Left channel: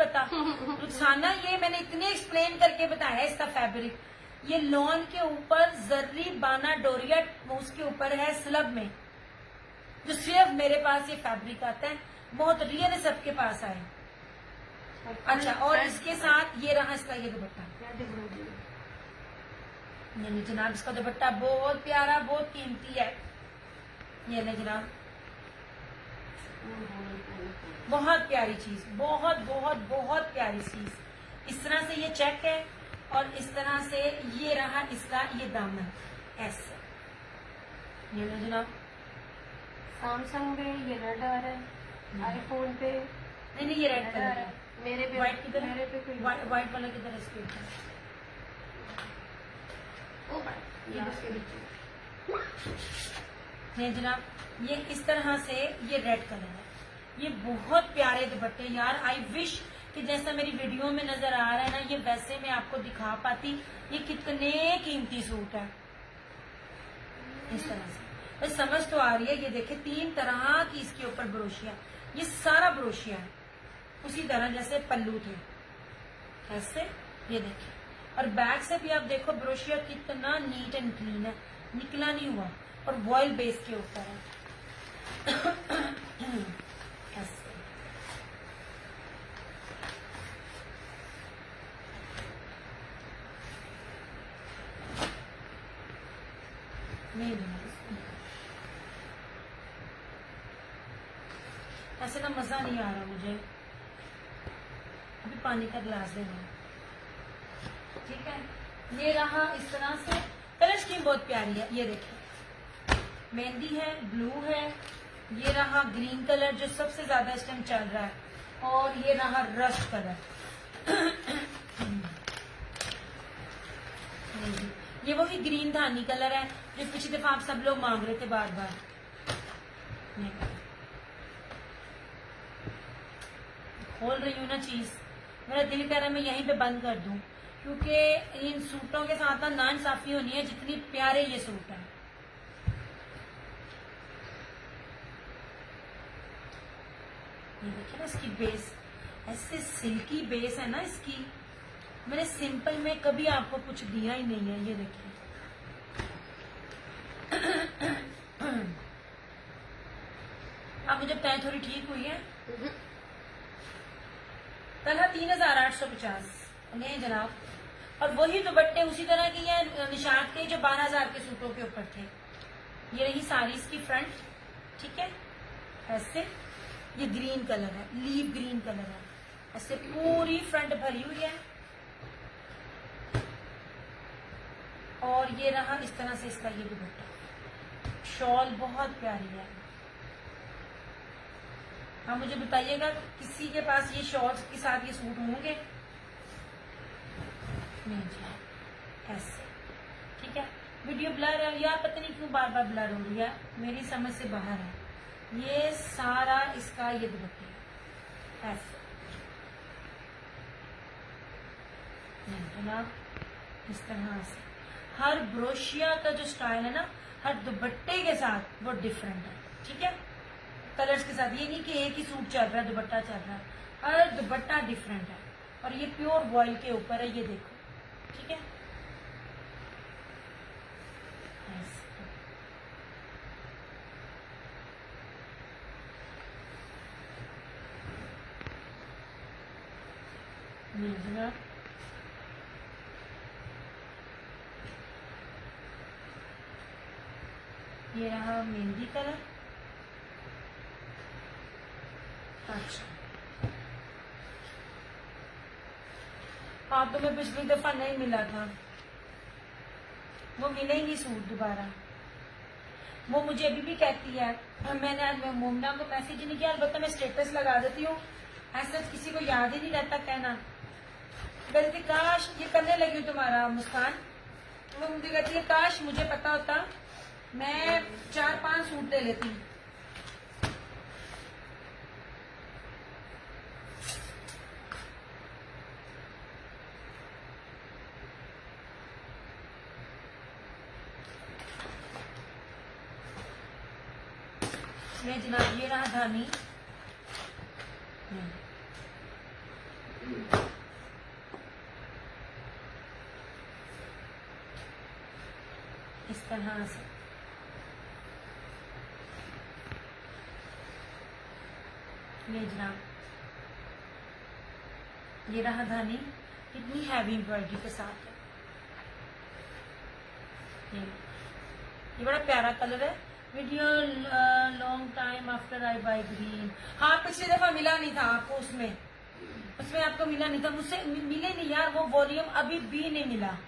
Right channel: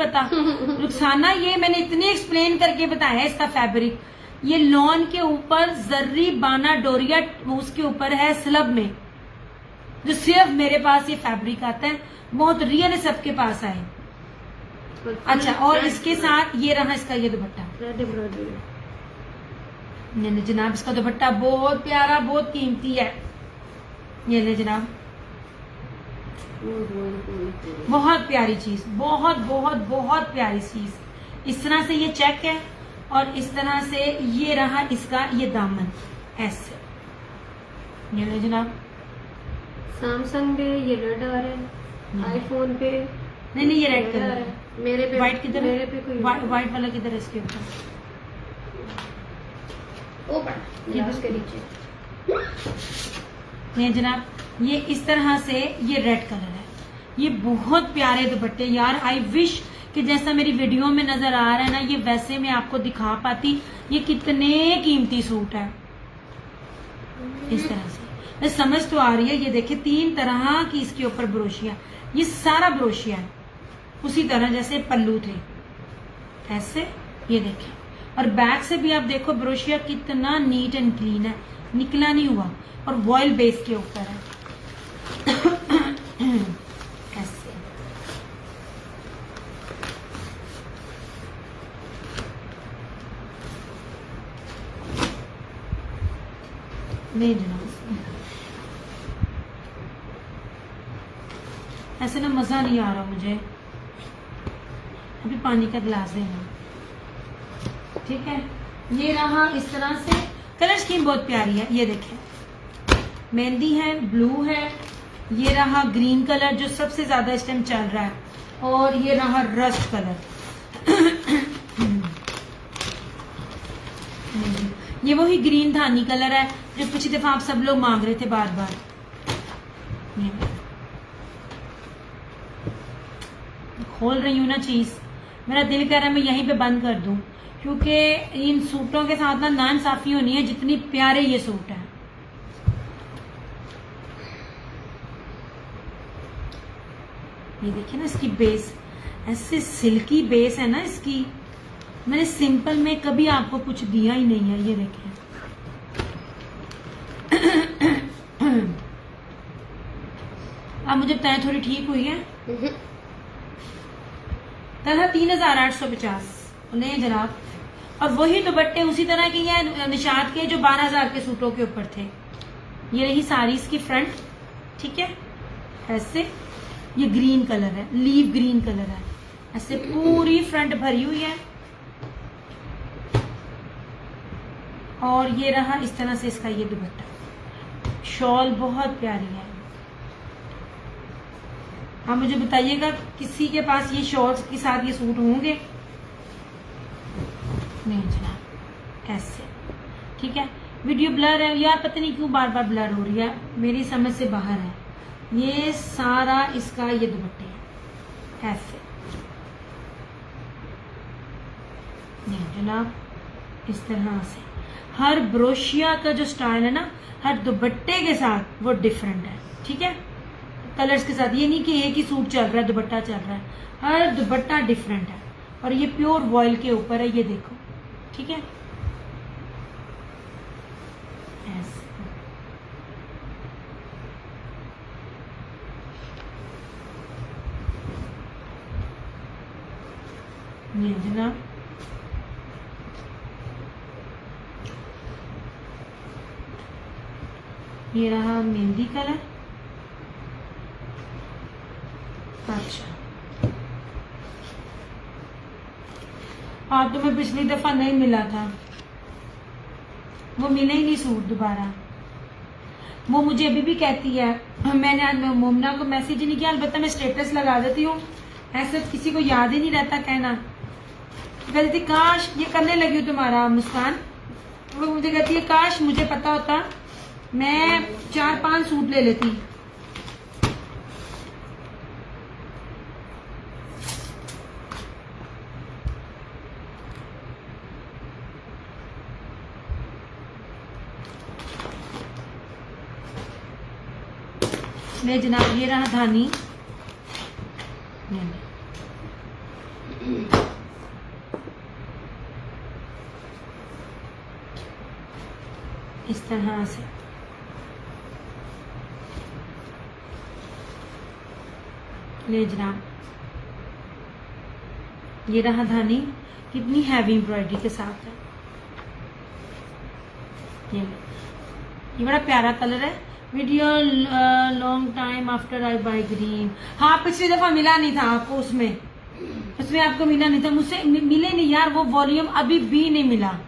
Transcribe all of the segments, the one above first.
पता। रुखसाना ये मैंने इतनी एक्सप्लेन करके बताया इसका फैब्रिक। ये लॉन के ऊपर जर्री बाना डोरिया उसके ऊपर है स्लब में, जो सिर्फ मेरे पास ये फैब्रिक आता है, बहुत रियल है, सबके पास आए। अच्छा, और इसके साथ ये रहा इसका ये दुपट्टा। नहीं जनाब, इसका दुपट्टा बहुत प्यारा, बहुत कीमती है। ये ले जनाब, बहुत प्यारी चीज, बहुत बहुत बहुत प्यारी चीज। इस तरह से ये चेक है और इस तरह से ये रहा इसका ये दामन ऐसे। ये ले जनाब, सैमसंग पे ये रेड आ रहा है, आईफोन पे नहीं ये रेड कलर है। मेरे पे व्हाइट किधर है? मेरे पे कोई व्हाइट वाला किधर है इसके ऊपर? उसके नीचे। ये जनाब, ये इस तरह से ये रेड कलर है। ये बहुत प्यारे दुपट्टे यार, आई विश कि जैसा मेरी वीडियो में नजर आ रहा है ना, ये वैसे मैं आपको दिखा पाती। ये कितने कीमती सूट है। इस तरह से समझ तो आ रही है। ये देखिए 3 तरह की इसके ऊपर ब्रोशिया, ये सारा ब्रोशिया है उसी तरह जैसे पल्लू थे ऐसे। ये देखिए, और बैक से भी आप देखो ब्रोशिया कितना नीट एंड क्लीन है, निकला नहीं हुआ, और वॉयल बेस के ऊपर है ऐसे। नहीं जनाब, ऐसे ना मजा नहीं आ रहा मुझे। अभी पानी का गिलास देना, ठीक है। ये रहा इस तरह से। कलर स्कीम बहुत प्यारी है। ये देखें, मेहंदी है, ब्लू है, ये रहा ग्रीन कलर जो सबसे ज्यादा इस टाइम चल रहा है, और ये रहा रस्ट कलर। ये वही ग्रीन धानी कलर है जो पिछली दफा आप सब लोग मांग रहे थे बार बार। खोल रही हूँ ना चीज, मेरा दिल कह रहा है मैं यहीं पे बंद कर दूं, क्योंकि इन सूटों के साथ ना नाइंसाफी होनी है जितनी प्यारे ये सूट है। ये देखिए ना इसकी बेस, ऐसे सिल्की बेस है ना इसकी। मैंने सिंपल में कभी आपको कुछ दिया ही नहीं है। ये देखिए अब मुझे बताएं थोड़ी ठीक हुई है? तरह 3850। नहीं जनाब, और वही दुपट्टे उसी तरह के हैं निशात के जो 12,000 के सूटों के ऊपर थे। ये रही साड़ी इसकी फ्रंट, ठीक है ऐसे। ये ग्रीन कलर है, लीव ग्रीन कलर है, ऐसे पूरी फ्रंट भरी हुई है। और ये रहा इस तरह से इसका ये दुपट्टा। शॉल बहुत प्यारी है। आप मुझे बताइएगा किसी के पास ये शॉर्ट्स के साथ ये सूट होंगे? नहीं जनाब, ऐसे, ठीक है। वीडियो ब्लर है यार, पता नहीं क्यों बार बार ब्लर हो रही है, मेरी समझ से बाहर है। ये सारा इसका ये दुपट्टे है ऐसे। नहीं जनाब, इस तरह से हर ब्रोशिया का जो स्टाइल है ना, हर दुपट्टे के साथ वो डिफरेंट है, ठीक है। कलर्स के साथ, ये नहीं कि एक ही सूट चल रहा है दुपट्टा चल रहा है, हर दुपट्टा डिफरेंट है। और ये प्योर वॉयल के ऊपर है, ये देखो, ठीक है ऐसे। ये जनाब, ये रहा मेहंदी कलर। अच्छा, हाँ, तुम्हें पिछली दफा नहीं मिला था, वो मिले ही नहीं सूट दोबारा। वो मुझे अभी भी कहती है, मैंने आज मोमना को मैसेज ही नहीं किया, अलबत्ता मैं स्टेटस लगा देती हूँ, ऐसे किसी को याद ही नहीं रहता कहना। कहती थी काश ये करने लगी हूँ तुम्हारा मुस्कान। वो मुझे कहती है काश मुझे पता होता, मैं 4-5 सूट ले लेती। मैं जनाब, ये रहा धानी। इस तरह से। ले जनाब, ये रहा धानी, कितनी हैवी एम्ब्रॉयडरी के साथ है। ये बड़ा प्यारा कलर है। Video long time after I by green. हाँ, पिछली दफा मिला नहीं था आपको, उसमें आपको मिला नहीं था, मुझसे मिले नहीं यार, वो वॉल्यूम अभी भी नहीं मिला।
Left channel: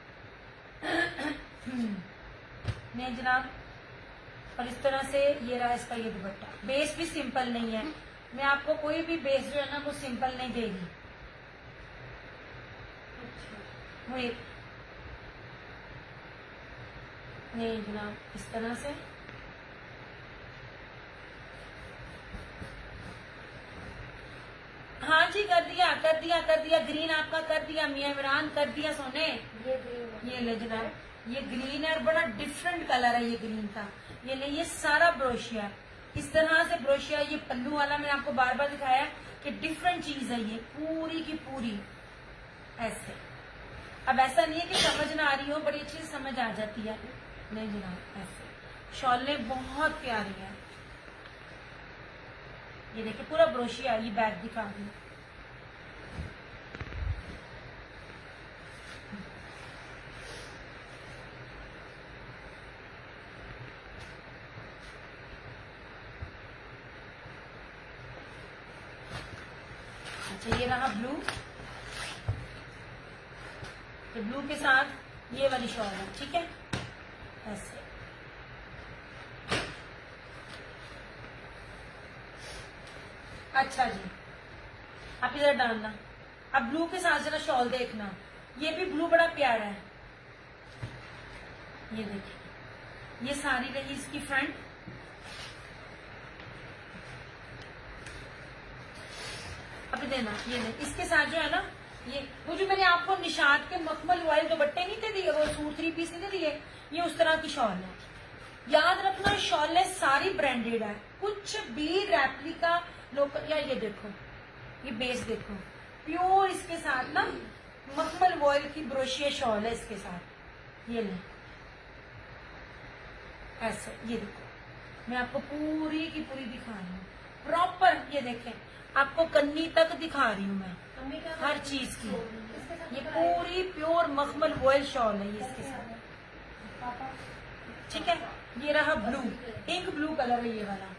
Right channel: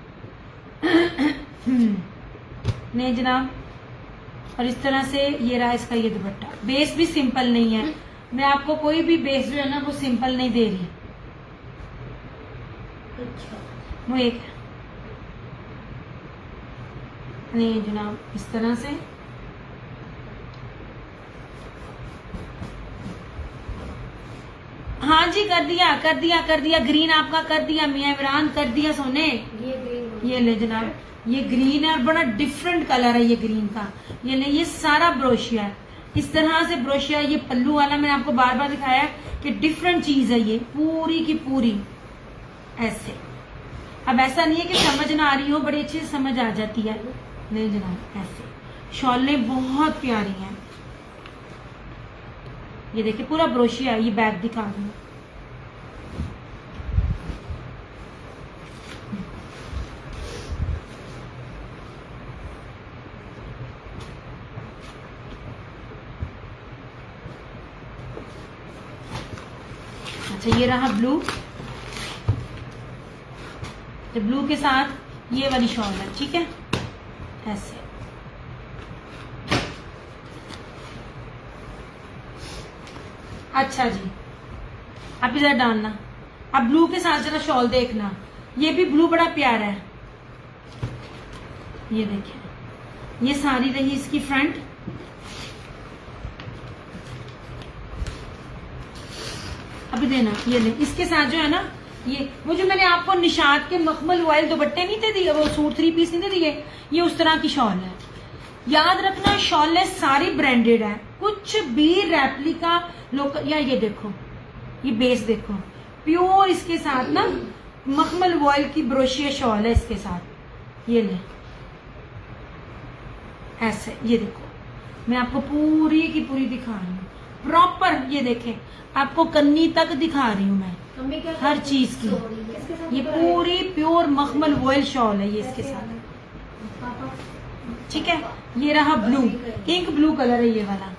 नहीं जनाब, और इस तरह से ये रहा इसका ये दुपट्टा। बेस भी सिंपल नहीं है, मैं आपको कोई भी बेस जो है ना वो सिंपल नहीं दे रही। वो एक नहीं जनाब, इस तरह से हाँ जी, कर दिया ग्रीन आपका कर दिया, मियां इमरान कर दिया सोने। ये ले जनाब, ये ग्रीन है और बड़ा डिफरेंट कलर है ये ग्रीन का। ये ले, ये सारा ब्रोशिया है, इस तरह से ब्रोशिया। ये पल्लू वाला मैंने आपको बार बार दिखाया कि डिफरेंट चीज है ये, पूरी की पूरी ऐसे। अब ऐसा नहीं है कि समझ ना आ रही हो, बड़ी अच्छी से समझ आ जाती है। नहीं जनाब, ऐसे शॉलें बहुत प्यारी हैं। ये देखिए पूरा ब्रोशिया, ये बैग दिखा रही हूँ। अच्छा, ये रहा ब्लू, तो ब्लू के साथ ये वाली शॉल है, ठीक है, ऐसे। अच्छा जी, आप इधर डालना। अब ब्लू के साथ जरा शॉल देखना, ये भी ब्लू बड़ा प्यारा है। ये देखिए, ये सारी रही इसकी फ्रंट। अभी देना, ये ले, इसके साथ जो है ना, ये वो जो मैंने आपको निशात के मखमल वॉयल दुपट्टे नहीं थे दिए, वो सूट 3 पीस नहीं थे दिए, ये उस तरह की शॉल है। याद रखना, शॉलें सारी ब्रांडेड है, कुछ भी रेप्लिका लोकल। या ये देखो, ये बेस देखो, प्योर इसके साथ ना मखमल वॉयल की ब्रोशिया शॉल है इसके साथ। ये ले, ऐसे, ये देखो, मैं आपको पूरी की पूरी दिखा रही हूँ प्रॉपर। ये देखें, आपको कन्नी तक दिखा रही हूँ मैं हर चीज की। ये पूरी प्योर मखमल वॉयल शॉल है ये इसके साथ, ठीक है। ये रहा ब्लू, इंक ब्लू कलर है ये वाला।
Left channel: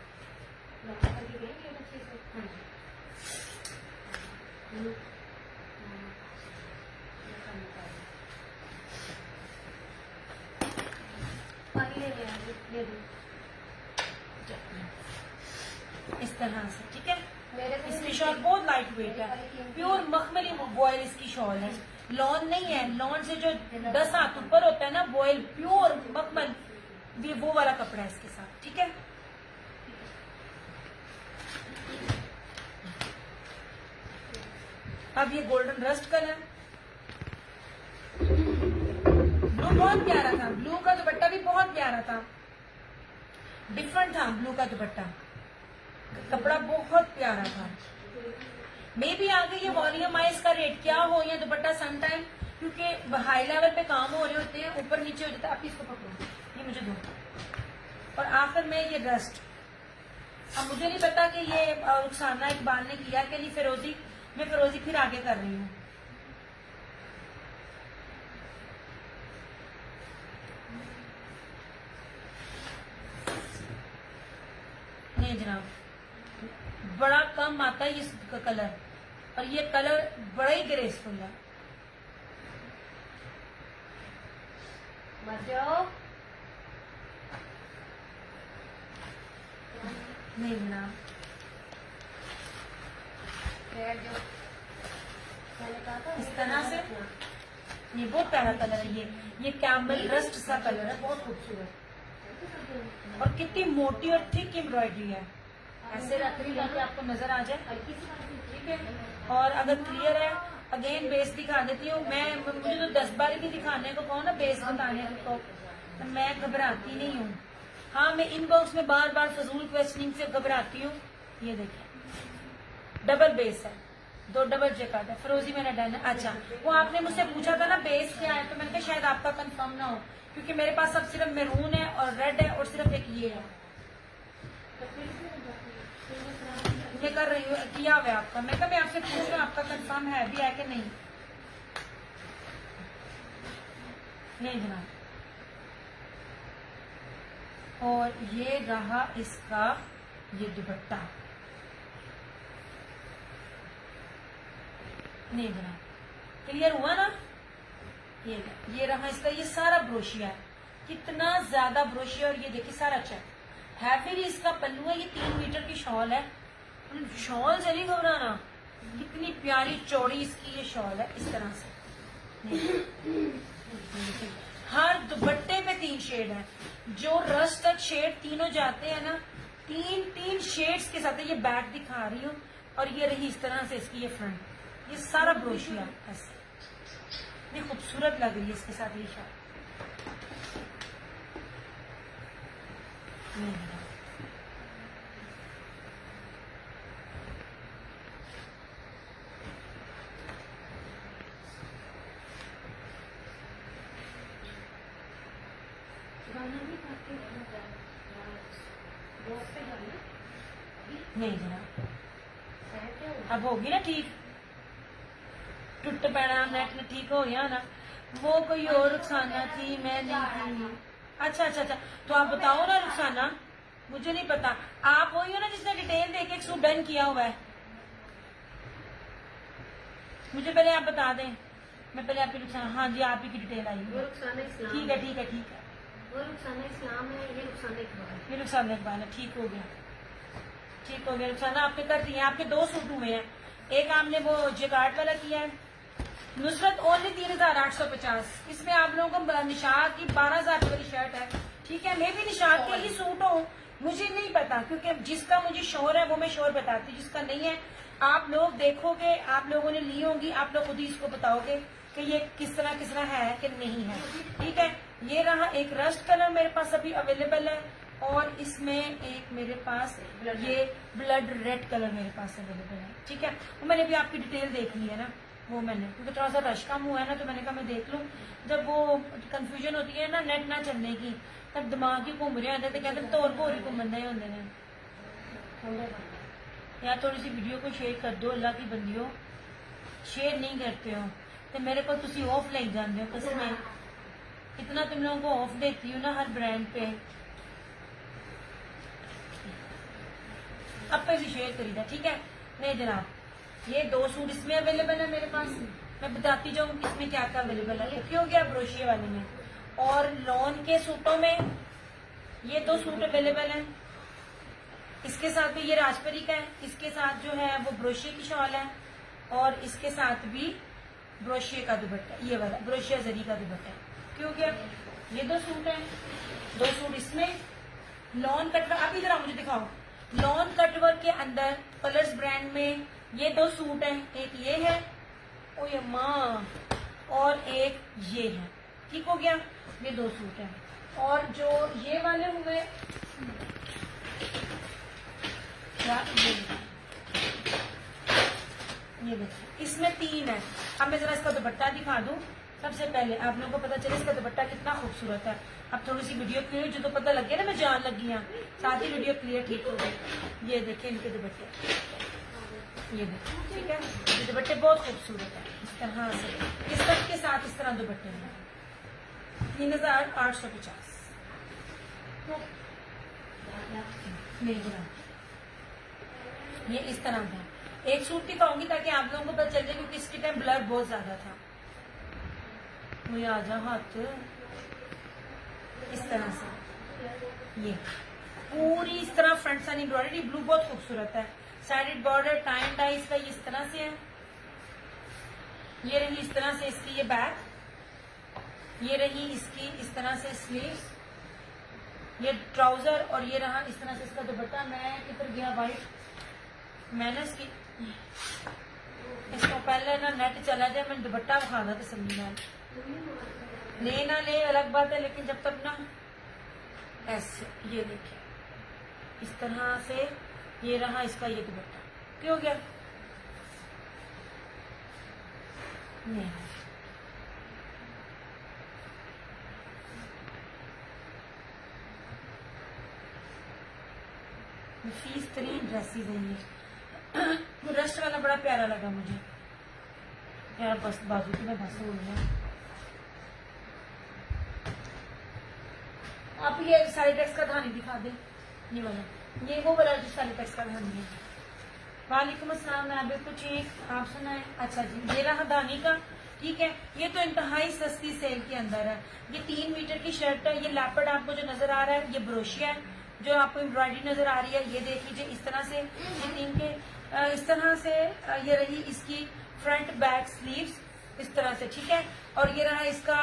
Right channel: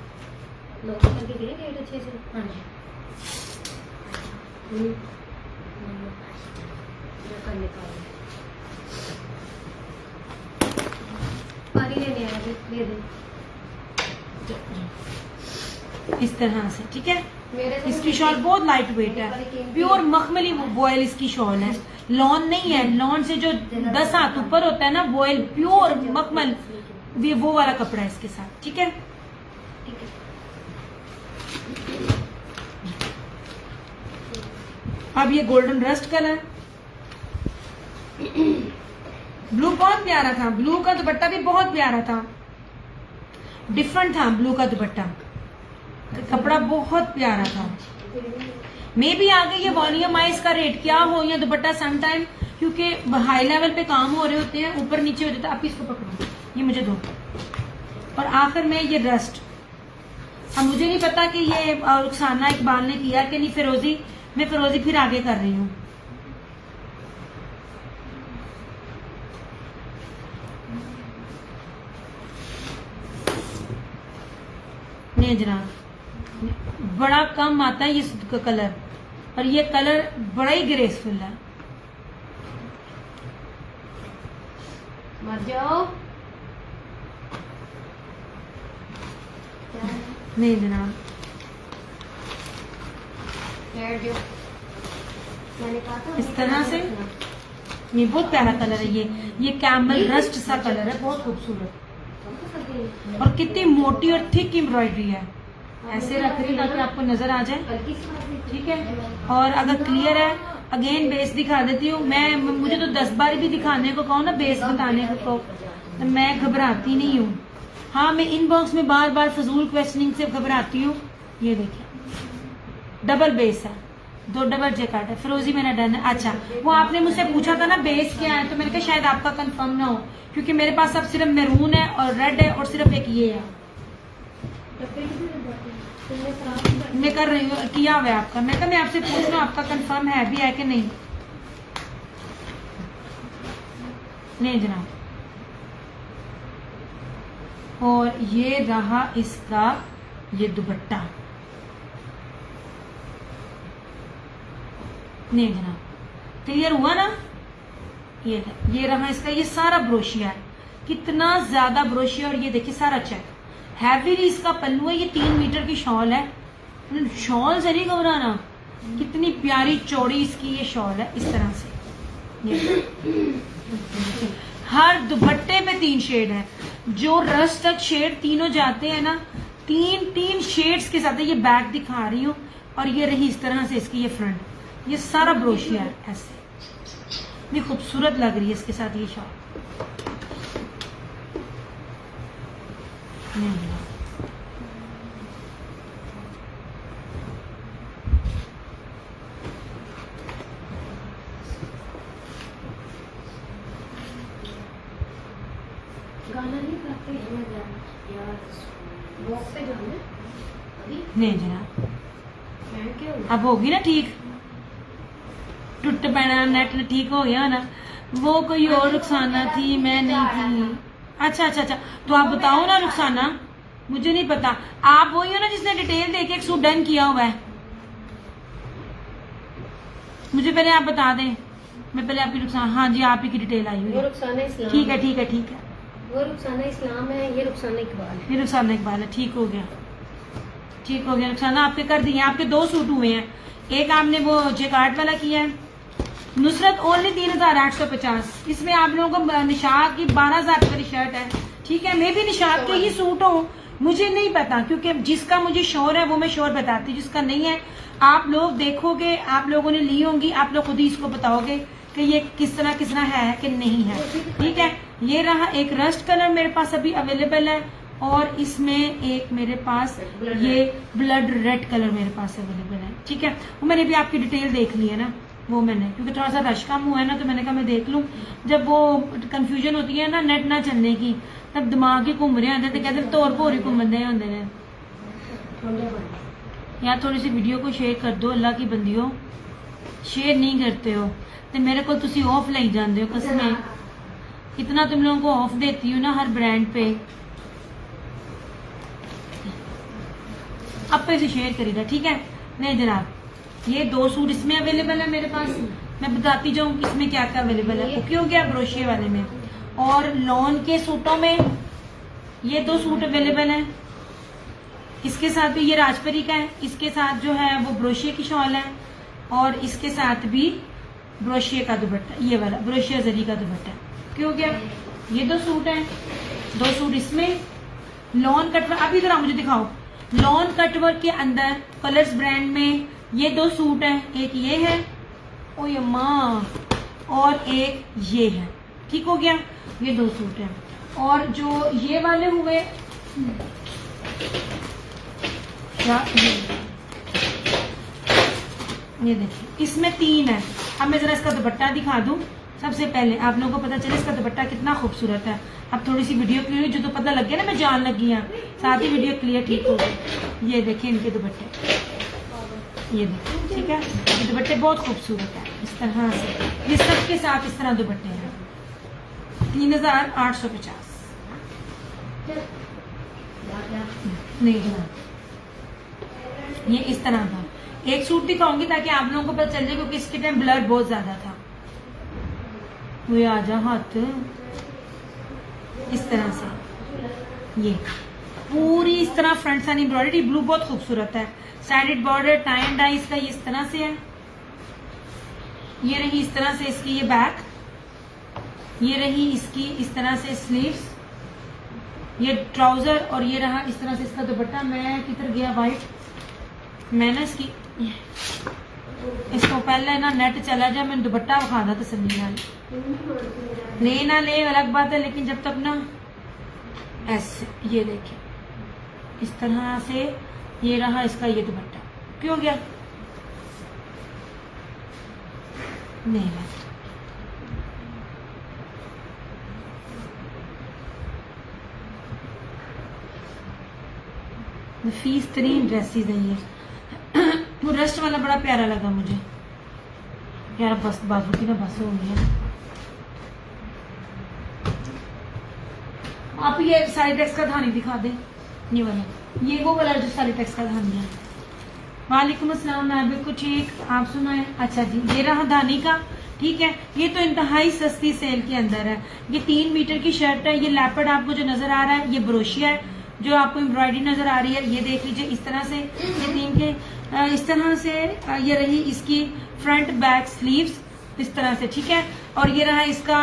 इस तरह से, ठीक है। इसकी शॉल बहुत लाइट वेट है, प्योर मखमली वॉयल इसकी शॉल है, लॉन नहीं है। लॉन से जो 10 हाथ ऊपर होता है ना वॉयल, प्योर मखमल, ये वो वाला कपड़ा है इसके साथ, ठीक है। अब ये गोल्डन रस्ट कलर, ब्लू बहुत प्यारा था, ब्लू का दुपट्टा भी बहुत प्यारा था, डिफरेंट था ब्लू का दुपट्टा, कपड़ा बहुत प्यारा था। मे भी आ गई ये वॉल्यूम आए, इसका रेट क्या हो या दुपट्टा सम टाइम, क्योंकि हाई लेवल पे काम हो रहे होते हैं, ऊपर नीचे हो जाता है। आप इसको पकड़ो, ये मुझे दो। और आखिर में ये रस्ट, अब मुझे नहीं पता कि ये रुखसाना इकबाल ने किया कि नहीं, फिरोजी, मैं फिरोजी फिर आगे कर रही हूँ। नहीं जनाब, बड़ा कम आता है ये कलर, और ये कलर बड़ा ही ग्रेसफुल है। मर जाओ। नहीं जनाब, मैंने कहा था इस तरह से, ये बहुत प्यारा कलर है। ये कैमल रस्ट सा कलर है, बहुत खूबसूरत, और कितनी मोटी और थिक एम्ब्रॉयडरी है। ऐसे रख रही ताकि आपको नजर आ जाए, ठीक है। और अगर क्लियर है, अगेन बेस दिखा देती हूँ मैं। मुझे तो 10 बार भी दिखाने को कहो ना, बेस बताने को, तो मैं घबराती नहीं हूँ। हाँ, मैं इनबॉक्स में बार बार फजूल क्वेश्चनिंग से घबराती हूँ। ये देखिए, डबल बेस है, दो डबल जैकेट है, फिरोजी मेरा डन है। अच्छा, वो आपने मुझसे पूछा था ना बेस क्या है, तो मैंने कहा शायद आपका कंफर्म ना हो, क्योंकि मेरे पास अब सिर्फ मैरून है और रेड है और सिर्फ एक ये है। मैं कर रही हूँ, किया हुआ है आपका। मैं कहा मैं आपसे पूछ लूँ आपका कंफर्म है भी है कि नहीं। नहीं जनाब। और ये रहा इसका ये दुपट्टा। नहीं जनाब, क्लियर हुआ ना। ये रहा इसका, ये सारा ब्रोशिया है, कितना ज्यादा ब्रोशिया। और ये देखिए सारा चेक हैवी इसका पल्लू है। ये 3 मीटर की शॉल है, शॉल से नहीं घबराना, कितनी प्यारी चौड़ी इसकी ये शॉल है। इस तरह से ये हर दुपट्टे में 3 शेड है, जो रस्ट तक शेड तीनों जाते हैं ना, 3 शेड्स के साथ है। ये बैक दिखा रही हूँ, और ये रही इस तरह से इसकी ये फ्रंट, ये सारा ब्रोशिया है ऐसे। ये खूबसूरत लग रही है इसके साथ ये शॉल। नहीं जनाब, अब होगी ना ठीक, टूट पैना नेट ठीक हो गया ना। वो कोई और रुखसाना थी, मैं नहीं थी। अच्छा अच्छा अच्छा, तो आप बताओ ना रुखसाना, मुझे नहीं पता। आप वही हो ना जिसने डिटेल देके एक सूट डन किया हुआ है। मुझे पहले आप बता दें, मैं पहले आपकी रुखसाना। हाँ जी, आप ही की डिटेल आई हुई है। ठीक है ठीक है ठीक है। वो रुखसाना इस्लाम है, ये रुखसाना इकबाल है। ये रुखसाना इकबाल है। ठीक हो गया, ठीक हो गया। रुखसाना आपके कर दिए, आपके 2 सूट हुए हैं। एक आपने वो जेकार्ड वाला किया है, नुसरत ओनली 3850। इसमें आप लोगों को निशात की 12,000 रुपये की शर्ट है। ठीक है, मैं भी निशात के ही सूट हूँ, मुझे नहीं पता, क्योंकि जिसका मुझे शोर है वो मैं शोर बताती हूँ, जिसका नहीं है आप लोग देखोगे, आप लोगों ने ली होंगी, आप लोग खुद ही इसको बताओगे कि ये किस तरह है कि नहीं है। ठीक है, ये रहा एक रस्ट कलर मेरे पास अभी अवेलेबल है, और इसमें एक मेरे पास ये ब्लड रेड कलर मेरे पास अवेलेबल है। ठीक है, वो मैंने भी आपकी डिटेल देख ली है ना, वो मैंने, क्योंकि थोड़ा सा रश कम हुआ है ना, तो मैंने कहा मैं देख लूं। जब वो कंफ्यूजन होती है ना नेट ना चलने की, तब दिमाग ही घूम रहे होते, तो कहते तौर भोर ही घूमने होंगे ने। यार थोड़ी सी वीडियो को शेयर कर दो, अल्लाह की बंदियों, शेयर नहीं करते हो तो मेरे को तुसी ऑफ लाई जाते हो। कसमें इतना तुम लोगों को ऑफ देती हूँ ना हर ब्रांड पे, अब पे से शेयर करीदा। ठीक है, नहीं जनाब, ये 2 सूट इसमें अवेलेबल है मेरे पास। मैं बताती जाऊँ कि इसमें क्या क्या अवेलेबल है। ओके हो गया ब्रोशिया वाले में। और लॉन के सूटों में ये 2 सूट अवेलेबल हैं। इसके साथ भी ये राजपरी का है, इसके साथ जो है वो ब्रोशिया की शॉल है, और इसके साथ भी ब्रोशिया का दुपट्टा, ये वाला ब्रोशिया जरी का दुपट्टा। क्यों हो गया, ये 2 सूट हैं, 2 सूट इसमें लॉन कटवर्क। अभी जरा मुझे दिखाओ, लॉन कटवर्क के अंदर कलर्स ब्रांड में ये 2 सूट हैं, एक ये है ओ ये माँ, और एक ये है। ठीक हो गया, ये 2 सूट हैं। और जो ये वाले हुए ये देखिए, इसमें 3 है। अब मैं जरा इसका दुपट्टा दिखा दूं। सबसे पहले आप लोगों को पता चले इसका दुपट्टा कितना खूबसूरत है। अब थोड़ी सी वीडियो क्लियर जो तो पता लग गया ना, मैं जान लगी है, साथ ही वीडियो क्लियर ठीक हो गई। ये देखिए इनके दुपट्टे, ये देखिए। ठीक है, ये दुपट्टे बहुत खूबसूरत है इस तरह से, ये सब के साथ इस तरह दुपट्टे हैं। 3850। नहीं जनाब, ये इस तरह था। एक सूट दिखाऊंगी ताकि आप लोगों को पता चल जाए, क्योंकि इसके टाइम ब्लड बहुत ज्यादा था। वो आ जा हाथ इस तरह से, ये पूरी इस तरह फ्रंट साइड एम्ब्रॉयडरी, ब्लू बहुत खूबसूरत है। Sided border tie and dye इसका ये इस तरह से है। ये रही इस तरह से इसकी ये बैक, ये रही इसकी इस तरह से स्लीव्स, ये ट्राउजर, और ये रहा इस तरह से इसका दुपट्टा। मैं किधर गया वाइट, मैं ना इसको पहले ना नेट चला जाए, मैंने दुपट्टा विखा था तसल्ली नाल। ले ना ले अलग बात है, लेकिन जब तक ना ऐसे, ये देखिए इस तरह से, ये रहा इसका ये दुपट्टा। क्यों गया, नहीं है। नफीस तरीन ड्रेसेस है ये। वो रस्ट वाला बड़ा प्यारा लगा मुझे यार, बस बाजू की ना बस हो गई है। आप ये सारी टेक्स का धानी दिखा दे, ये वाला, ये वो कलर जो सारी टेक्स का धानी है। वालेकुम अस्सलाम, मैं बिल्कुल ठीक, आप सुनाए। अच्छा जी, ये रहा धानी का, ठीक है। ये तो इंतहाई सस्ती सेल के अंदर है। ये 3 मीटर की शर्ट है। ये लेपर्ड आपको जो नजर आ रहा है ये ब्रोशिया है, जो आपको एम्ब्रॉयडरी नजर आ रही है। ये देख लीजिए इस तरह से, ये 3 के इस तरह से ये रही इसकी फ्रंट बैक स्लीव्स इस तरह से, ठीक है। और ये रहा इसका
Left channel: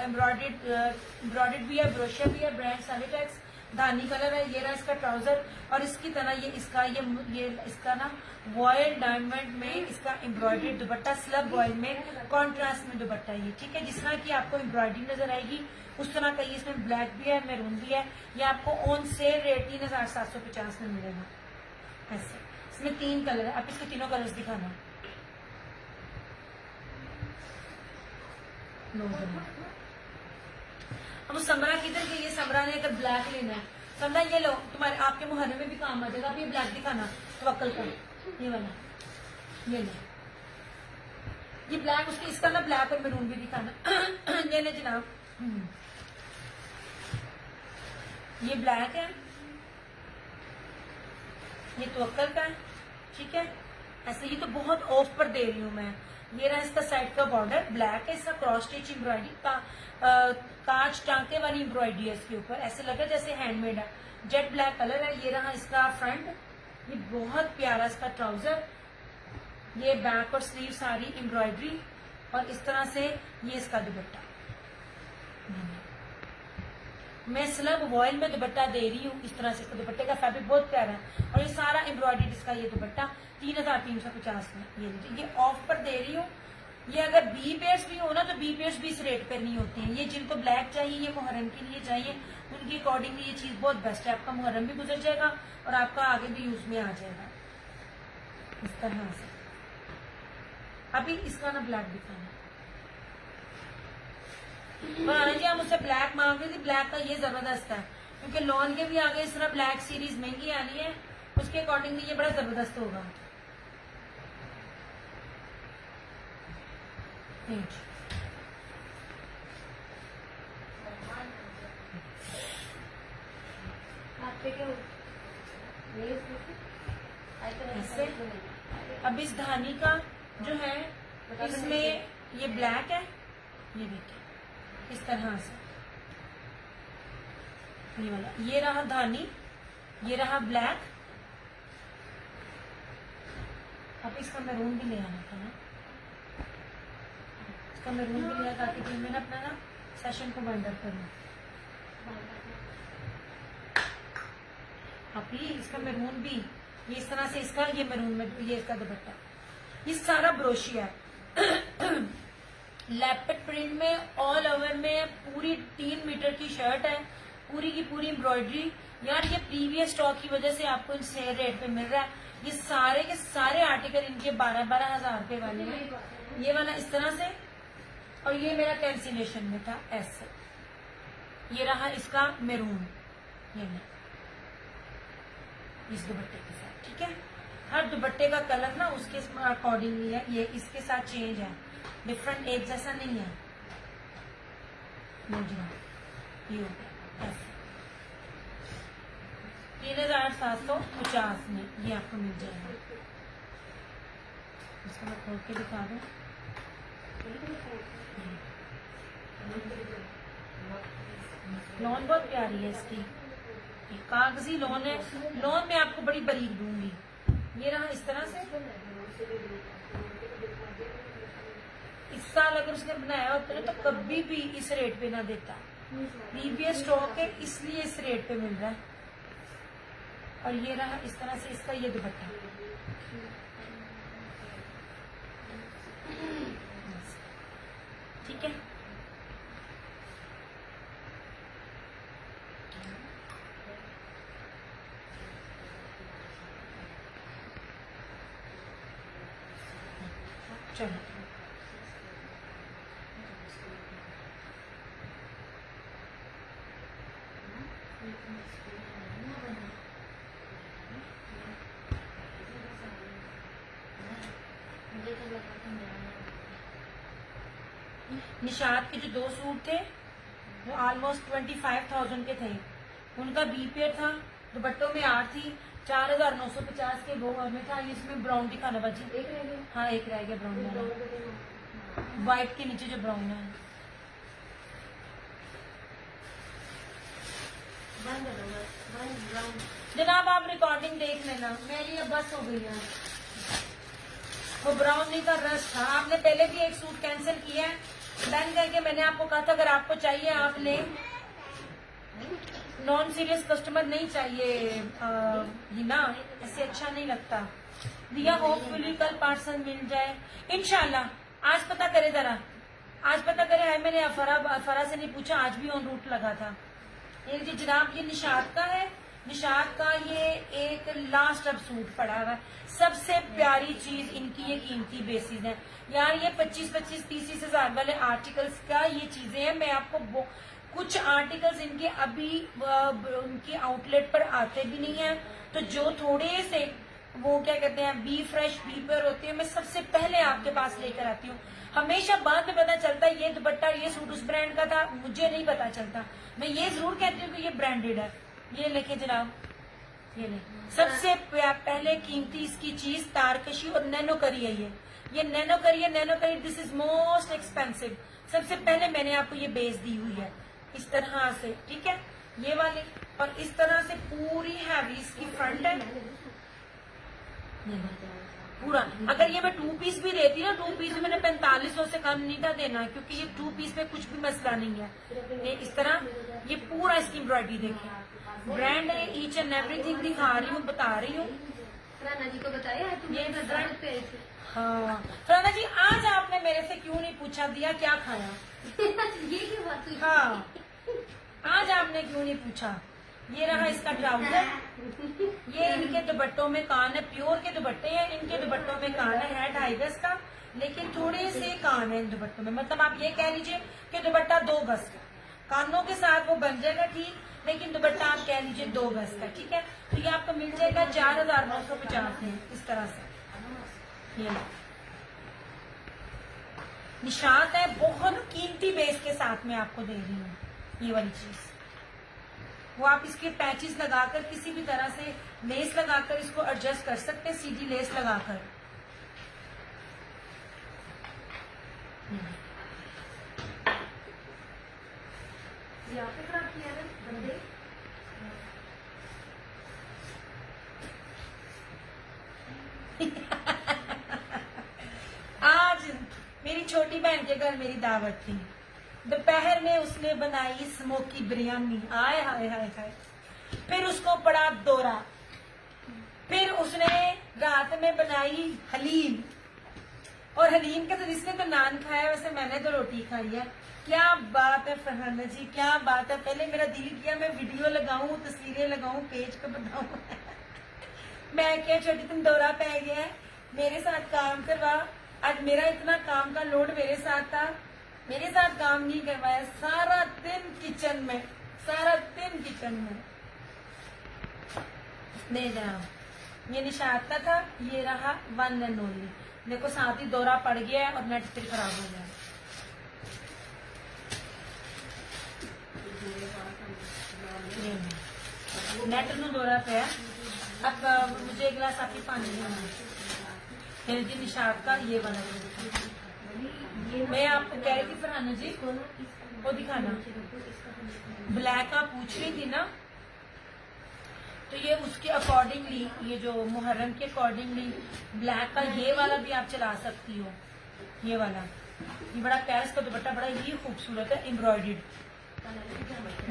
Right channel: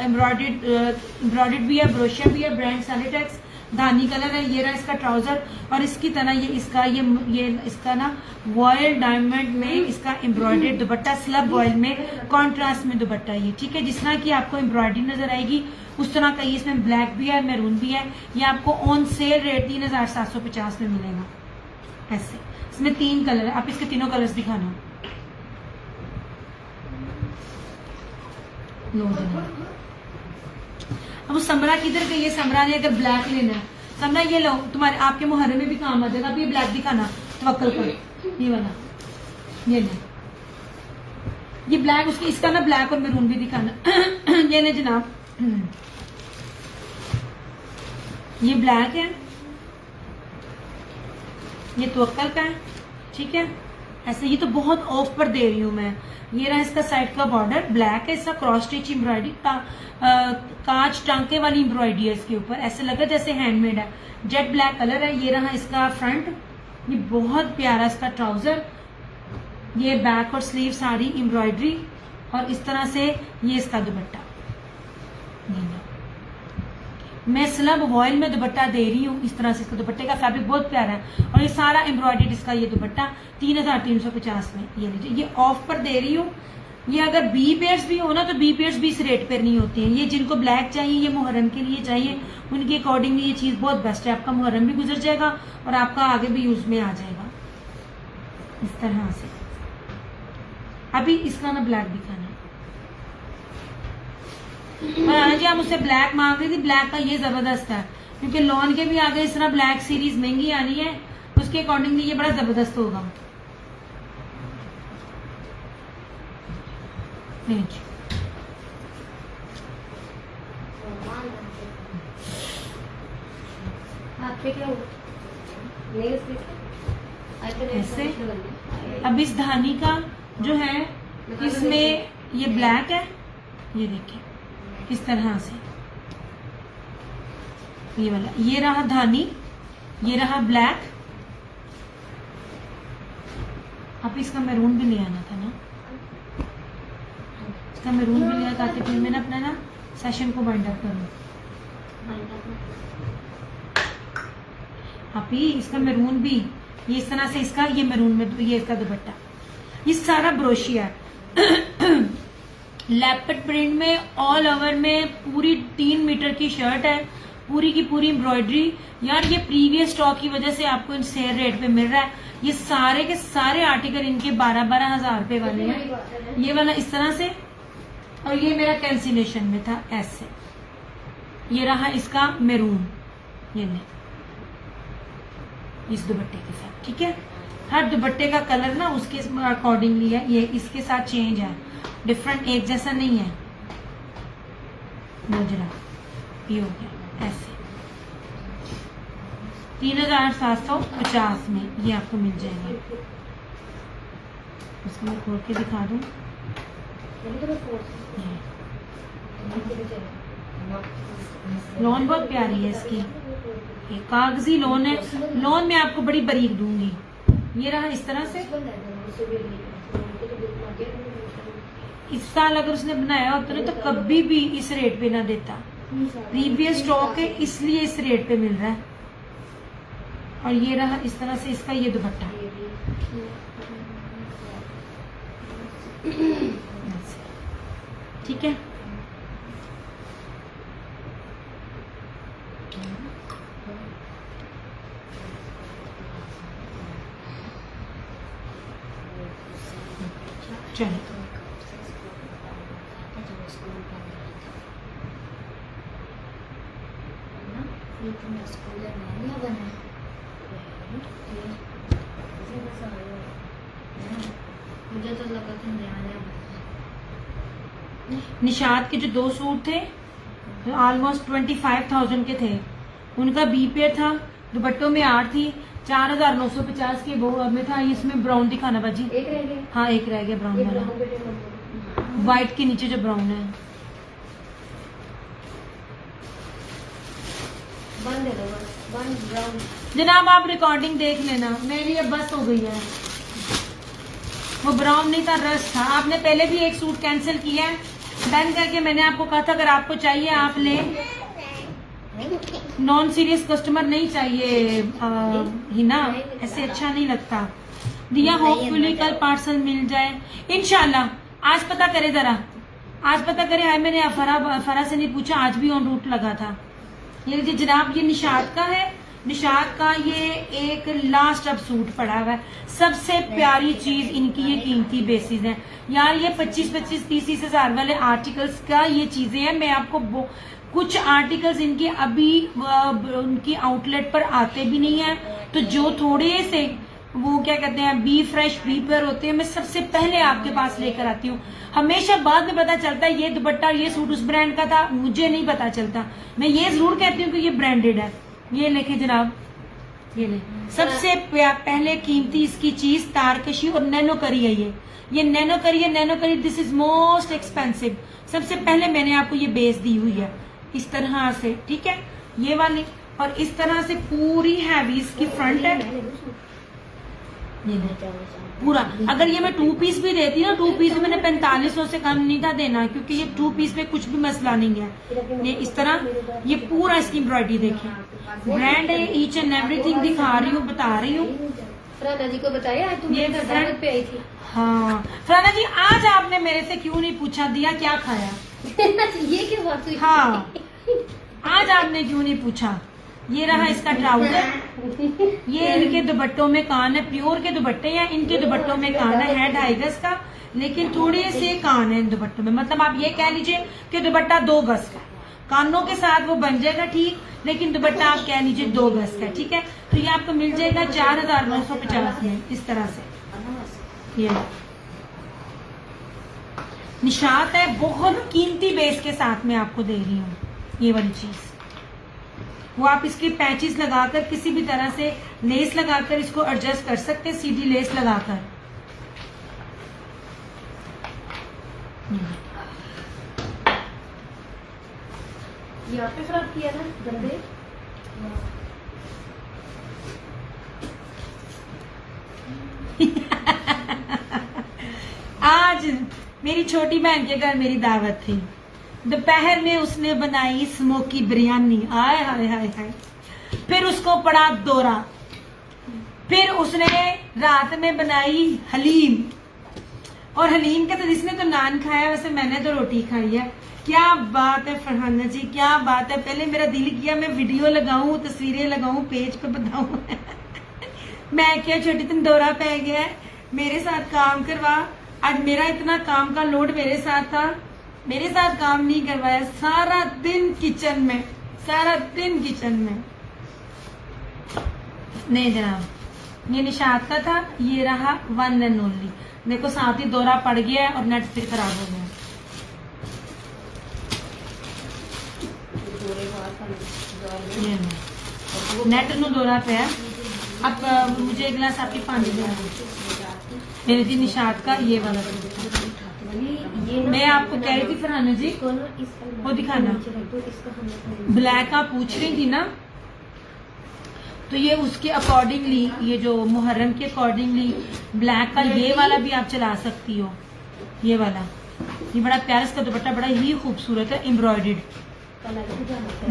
एम्ब्रॉयडर्ड भी है, ब्रोशिया भी है, ब्रांड सैलिटेक्स, धानी कलर है। ये रहा इसका ट्राउजर, और इसकी तरह ये इसका ना वॉयल डायमंड में इसका एम्ब्रॉयडर्ड दुपट्टा, स्लब वॉयल में कॉन्ट्रास्ट में दुपट्टा ये, ठीक है। जिस तरह की आपको एम्ब्रॉयडरी नजर आएगी उस तरह का ये इसमें ब्लैक भी है, मैरून भी है। ये आपको ऑन सेल रेट 3750 में मिलेगा ऐसे। इसमें 3 कलर है, आप इसके तीनों कलर्स दिखाना। लो अब समरा किधर गई है? समरा ने अगर ब्लैक लेना है, समरा ये लो, तुम्हारे आपके मुहर्रम में भी काम आ जाएगा। अब ये ब्लैक दिखाना, तवक्कल कर, ये वाला, ये ले, ये ब्लैक उसकी, इसका ना ब्लैक और मैरून भी दिखाना। ये ले जनाब, ये ब्लैक है, ये तवक्कल का है, ठीक है। ऐसे ये तो बहुत ऑफ पर दे रही हूँ मैं। ये रहा इसका साइड का बॉर्डर, ब्लैक है, इसका क्रॉस स्टिच एम्ब्रॉयडरी का कांच टांके वाली एम्ब्रॉयडरी है इसके ऊपर, ऐसे लगा जैसे हैंडमेड है। जेट ब्लैक कलर है। ये रहा इसका फ्रंट, ये बहुत प्यारा इसका ट्राउजर, ये बैक और स्लीव सारी एम्ब्रॉयडरी, और इस तरह से ये इसका दुपट्टा। मैं स्लब वॉयल में दुपट्टा दे रही हूँ इस तरह से। इसका दुपट्टे का फैब्रिक बहुत प्यारा है, और ये सारा एम्ब्रॉयडरी इसका ये दुपट्टा 3350 में। ये लीजिए, ये ऑफ पर दे रही हूँ। ये अगर बी पेयर्स भी हो ना तो बी पेयर्स भी इस रेट पर नहीं होती हैं। ये जिनको ब्लैक चाहिए, ये मुहर्रम के लिए चाहिए, उनके अकॉर्डिंगली ये चीज बहुत बेस्ट है। आपका मुहर्रम भी गुजर जाएगा और आपका आगे भी यूज में आ जाएगा इस तरह से। अभी इसका ना ब्लैक दिखाना। हाँ जी, आप मुझसे ब्लैक मांग रही थी, ब्लैक का ये जबरदस्त है, क्योंकि लॉन के भी आगे इस तरह ब्लैक सीरीज महंगी आनी है, उसके अकॉर्डिंगली ये बड़ा जबरदस्त होगा। नहीं जी, ऐसे। अब इस धानी का जो है इसमें ये ब्लैक है, ये देखिए इस तरह से, ये वाला, ये रहा धानी, ये रहा ब्लैक। आप इसका मैरून भी ले आना था ना, इसका मैरून भी लिया ताकि फिर मैं अपना ना सेशन को वाइंड अप करूं। आप ही इसका मैरून भी, ये इस तरह से इसका, ये मैरून में ये इसका दुपट्टा, ये सारा ब्रोशिया है। लेपर्ड प्रिंट में ऑल ओवर में पूरी 3 मीटर की शर्ट है, पूरी की पूरी एम्ब्रॉयडरी। यार ये प्रीवियस स्टॉक की वजह से आपको इन सेल रेट पे मिल रहा है। ये सारे के सारे आर्टिकल इनके 12-12 हजार रुपए वाले हैं। ये वाला इस तरह से, और ये मेरा कैंसिलेशन में था ऐसे। ये रहा इसका मैरून, ये ले इस दुपट्टे के साथ, ठीक है। हर दुपट्टे का कलर ना उसके अकॉर्डिंगली है, ये इसके साथ चेंज है, डिफरेंट एक जैसा नहीं है। मुजरा ये हो गया ऐसे 3750 में ये आपको मिल जाएगा। उसको मैं खोल के दिखा दूं। लॉन बहुत प्यारी है इसकी, ये कागजी लॉन है। लॉन में आपको बड़ी बारीक दूंगी। ये रहा इस तरह से। इस साल अगर उसने बनाया होता ना तो कभी भी इस रेट पे ना देता। प्रीवियस स्टॉक है इसलिए इस रेट पे मिल रहा है। और ये रहा इस तरह से इसका ये दुपट्टा, ठीक है। चलो मुझे तो लगा था नया निशात के जो 2 सूट थे जो ऑलमोस्ट 25,000 के थे, उनका बी पेयर था, दुपट्टों में 8 थी, 4,950 के वो में था। इसमें ब्राउन दिखाना बाजी। एक रह गया। हाँ एक रह गया ब्राउन ये वाला, ब्राउन पे व्हाइट के नीचे जो ब्राउन है। बंद है बंद ब्राउन। जनाब आप रिकॉर्डिंग देख लेना, मेरी अब बस हो गई है। वो ब्राउन नहीं था, रस था। आपने पहले भी एक सूट कैंसिल किया है, डन करके मैंने आपको कहा था अगर आपको चाहिए आप ले। नॉन सीरियस कस्टमर नहीं चाहिए हिना, ऐसे अच्छा नहीं लगता। दिया होपफुली कल पार्सल मिल जाए इंशाल्लाह। आज पता करे जरा, आज पता करे। है मैंने फरा से नहीं पूछा, आज भी ऑन रूट लगा था। ये लीजिए जनाब, ये निशात का है। निशात का ये एक लास्ट अब सूट पड़ा हुआ है। सबसे प्यारी चीज इनकी ये कीमती बेसिस है यार। ये 25-25, 30 हजार वाले आर्टिकल्स का ये चीजें हैं। मैं आपको कुछ आर्टिकल्स इनके अभी उनकी आउटलेट पर आते भी नहीं है, तो जो थोड़े से वो क्या कहते हैं बी फ्रेश बी पर होते हैं, मैं सबसे पहले आपके पास लेकर आती हूँ। हमेशा बाद में पता चलता है ये दुपट्टा ये सूट उस ब्रांड का था, मुझे नहीं पता चलता। मैं ये जरूर कहती हूँ कि ये ब्रांडेड है। ये लेके जनाब, ये ले सबसे पहले कीमती इसकी चीज तारकशी और नैनो करी है। ये नैनो करी है, नैनो करी दिस इज मोस्ट एक्सपेंसिव। सबसे पहले मैंने आपको ये बेस दी हुई है इस तरह से, ठीक है, ये वाले। और इस तरह से पूरी हैवी इसकी फ्रंट है, ये पूरा। अगर ये मैं 2 पीस भी देती ना, 2 पीस मैंने 4500 से कम नहीं था देना, क्योंकि ये 2 पीस में कुछ भी मसला नहीं है। ये इस तरह, ये पूरा इसकी एम्ब्रॉयडरी देखिए, ब्रांड है, ईच एंड एवरीथिंग दिखा रही हूँ, बता रही हूँ। फराना जी को बताया तुम ये दावत पे आई थी। हाँ फराना जी, आज आपने मेरे से क्यों नहीं पूछा दिया क्या खाया? ये क्यों बात हुई? हाँ आज आपने क्यों नहीं पूछा? ये रहा इसका ट्राउजर। ये इनके दुपट्टों में कान है, प्योर के दुपट्टे हैं। इनके दुपट्टों में कान है 2.5 गज का, लेकिन थोड़े से कान है इन दुपट्टों में। मतलब आप ये कह लीजिए कि दुपट्टा 2 गज का, कानों के साथ वो बन जाएगा ठीक, लेकिन दुपट्टा आप कह लीजिए 2 गज का, ठीक है। तो ये आपको मिल जाएगा 4,950 में इस तरह से। ये निशात है, बहुत कीमती बेस के साथ में आपको दे रही हूँ ये वाली चीज। वो आप इसके पैचेस लगाकर किसी भी तरह से लेस लगाकर इसको एडजस्ट कर सकते हैं, सीधी लेस लगाकर। यहाँ पे खराब किया ना गंदे। आज मेरी छोटी बहन के घर मेरी दावत थी, दोपहर में उसने बनाई स्मोकी बिरयानी, आय हाय हाय हाय। फिर उसको पड़ा दौरा, फिर उसने रात में बनाई हलीम, और हलीम के तो जिसने तो नान खाया, वैसे मैंने तो रोटी खाई है। क्या बात है फरहाना जी, क्या बात है। पहले मेरा दिल किया मैं वीडियो लगाऊं, तस्वीरें लगाऊं, पेज पे बताऊं। मैं क्या छोटी तुम दौरा पै गया है, मेरे साथ काम करवा। आज मेरा इतना काम का लोड मेरे साथ था, मेरे साथ काम नहीं करवाया। सारा दिन किचन में, सारा दिन किचन में। नहीं जनाब, ये निशात का था, ये रहा 1 एंड ओनली। देखो साथ ही दौरा पड़ गया और नेट फिर खराब हो गया। नेट नु दौरा पे है। अब मुझे एक गिलास आपकी पानी देना मेरी थी निशात का ये वाला। मैं आपको कह रही थी फरहाना जी, वो दिखाना ब्लैक आप पूछ रही थी ना, तो ये उसके अकॉर्डिंगली, ये जो मुहर्रम के अकॉर्डिंगली ब्लैक का ये वाला भी आप चला सकती हो। ये वाला, ये बड़ा प्यारा, इसका दुपट्टा बड़ा ही खूबसूरत है, एम्ब्रॉयडर्ड।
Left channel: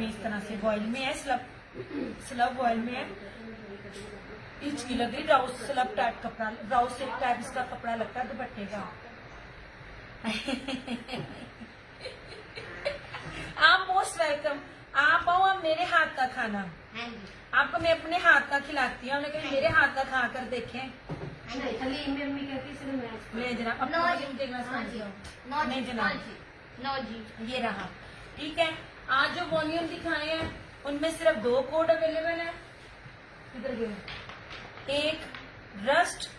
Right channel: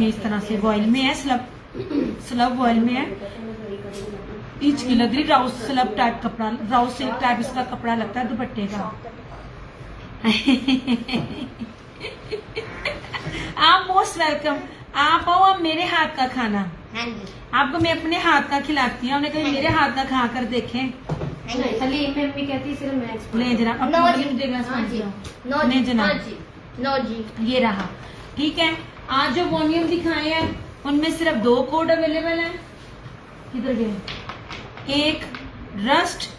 ये इस तरह से वॉयल में है, स्लब वॉयल में है। ईच की लग रही, राउस स्लब टाइप कपड़ा, राउस सिल्क टाइप इसका कपड़ा लगता है दुपट्टे का। आप मोस्ट वेलकम, आप आओ, आप मेरे हाथ का खाना। आपको मैं अपने हाथ का खिलाती हूँ, कभी मेरे हाथ का खा कर देखें। हलीम में मम्मी कहती सिर्फ मैं नहीं जनाब, नहीं जनाब, नो जी। ये रहा, ठीक है। आज जो वॉल्यूम दिखाए हैं उनमें सिर्फ 2 कोड अवेलेबल है। किधर गए? एक रस्ट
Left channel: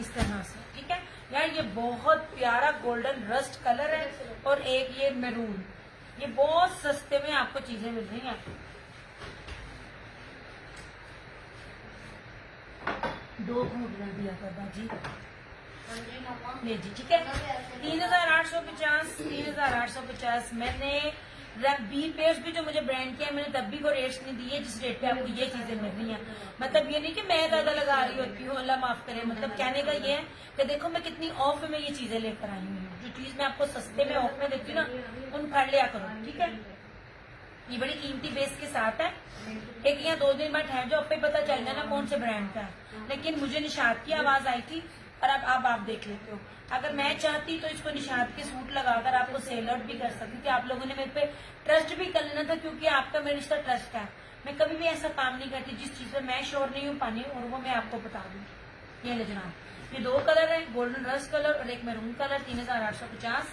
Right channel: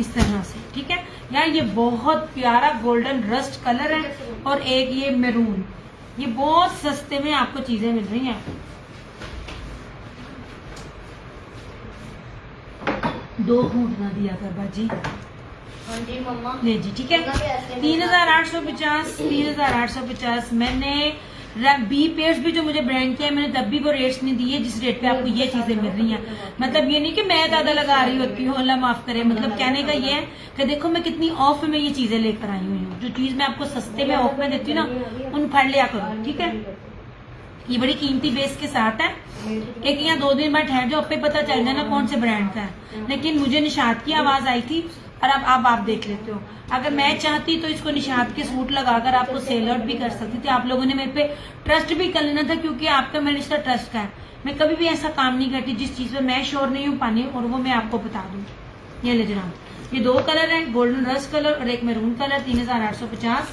इस तरह से, ठीक है यार, ये बहुत प्यारा गोल्डन रस्ट कलर है, और एक ये मैरून। ये बहुत सस्ते में आपको चीजें मिल रही हैं। 2 घूंटना दिया कर बाजी। ले जी, ठीक है। 3850, 3850। मैंने बी पेयर्स भी जो मुझे ब्रांड के है, मैंने तब भी वो रेट्स नहीं दिए जिस रेट पे आपको ये चीजें मिल रही हैं। मतलब ये नहीं कि मैं ज्यादा लगा रही होती हूँ, अल्लाह माफ करे। मतलब कहने का ये है कि देखो मैं कितनी ऑफ में ये चीजें लेकर आई हुई हूँ। जो चीज मैं आपको सस्ते में ऑफ में देती हूँ ना, उन फड़ लिया करो, ठीक है। ये बड़ी कीमती बेस के साथ है। एक यहाँ 2 दिन बाद ठहर जाओ, पे पता चल जाए ना कौन से ब्रांड का है। लेकिन मुझे निशात की आवाज आई थी, और अब आप देख लेते हो। अगर मैं चाहती तो इसको निशात के सूट लगाकर आपको सेल आउट भी कर सकती थी। आप लोगों ने मेरे पे ट्रस्ट भी कर लेना था, क्योंकि आपका मेरे रिश्ता ट्रस्ट का है। मैं कभी भी ऐसा काम नहीं करती जिस चीज पे मैं श्योर नहीं हूँ पाने, और वो मैं आपको बता दूं। ये ले जनाब, ये 2 कलर है, गोल्डन रस्ट कलर और एक मैरून कलर। 3850।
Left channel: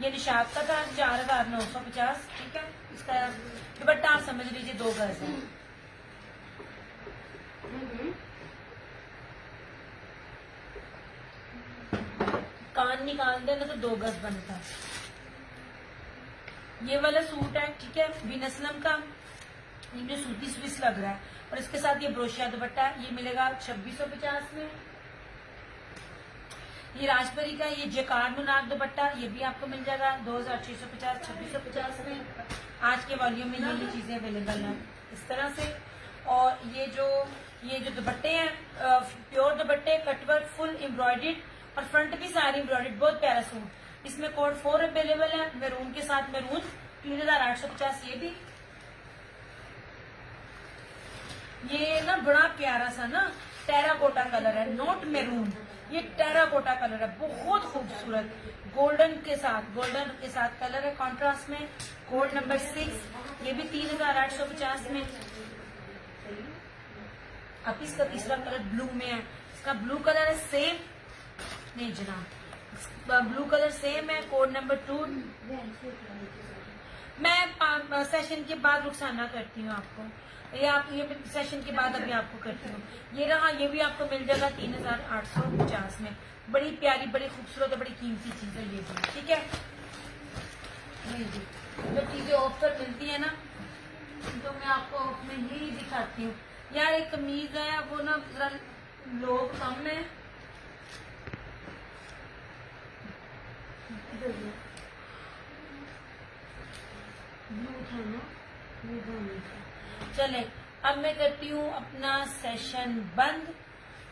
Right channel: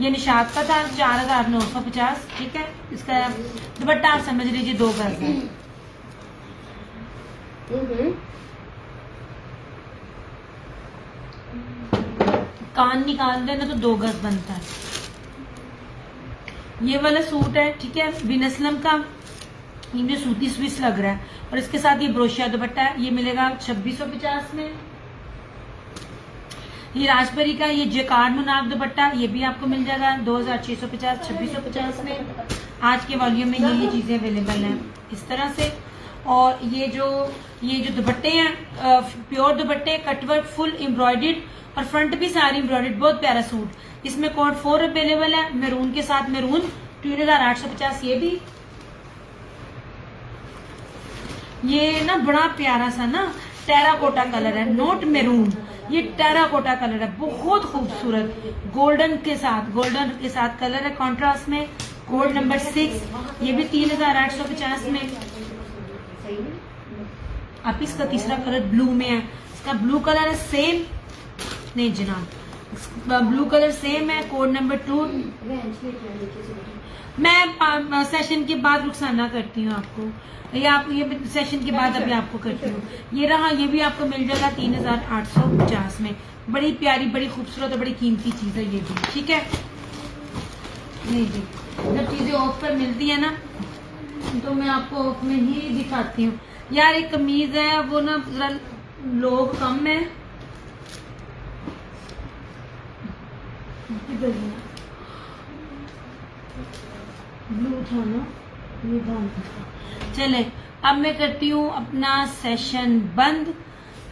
ये निशात का था 4950, ठीक है। इसका दुपट्टा आप समझ लीजिए 2 गज है। कान निकाल देना तो 2 गज बनता है। ये वाला सूट है, ठीक है, विनस्लम का। ये जो सूती स्विस लग रहा है, और इसके साथ ये ब्रोशिया दुपट्टा है। ये मिलेगा 2650 में। ये राजबरी का ये जेकार मुनाब दुपट्टा, ये भी आपको मिल जाएगा 2650, 2650 में। आज के वॉल्यूम में ये चीजें अवेलेबल हैं इस तरह से। और ये जो दुपट्टे हैं, प्योर दुपट्टे, कटवर्क, फुल एम्ब्रॉयडर्ड, और फ्रंट भी सारी एम्ब्रॉयडर्ड। बहुत प्यारा सूट। इसमें कोड 4 अवेलेबल है, मैरून के साथ मैरून। 3850। ये भी, ये ना बड़ा प्यारा सा ना टेराकोटा कलर है, नोट मैरून। ये टेराकोटा कलर है, बहुत खूबसूरत, गोल्डन के साथ कलर है कॉन्ट्रास्ट में। Code number 6। ये भी 3850 में। अब इसका तीसरा कलर ब्लू में है। इसका ब्लू कलर है सेम, नहीं जनाब, ब्लू कलर सेम है। Code number 2। मैं सेशन के बाद रुखसाना करती हूँ आपको, ये सेशन के बाद अभी आपको करती हूँ। ये रहा, ये भी आपको मिल जाएगा 3850 में। बड़ी प्यारी, बड़ी खूबसूरत और बड़ी कीमती चीज है ये भी, ठीक है। नहीं जी, जब चीजें ऑफ पर मिलती है ना, तो मैं आपको ऑफ में ही दिखाती हूँ। यार एक कमीज है, वो ना जरा लोग कम है। ब्लू था ना, ये था। चले, अब मैं करती हूँ अपना सेशन बंद।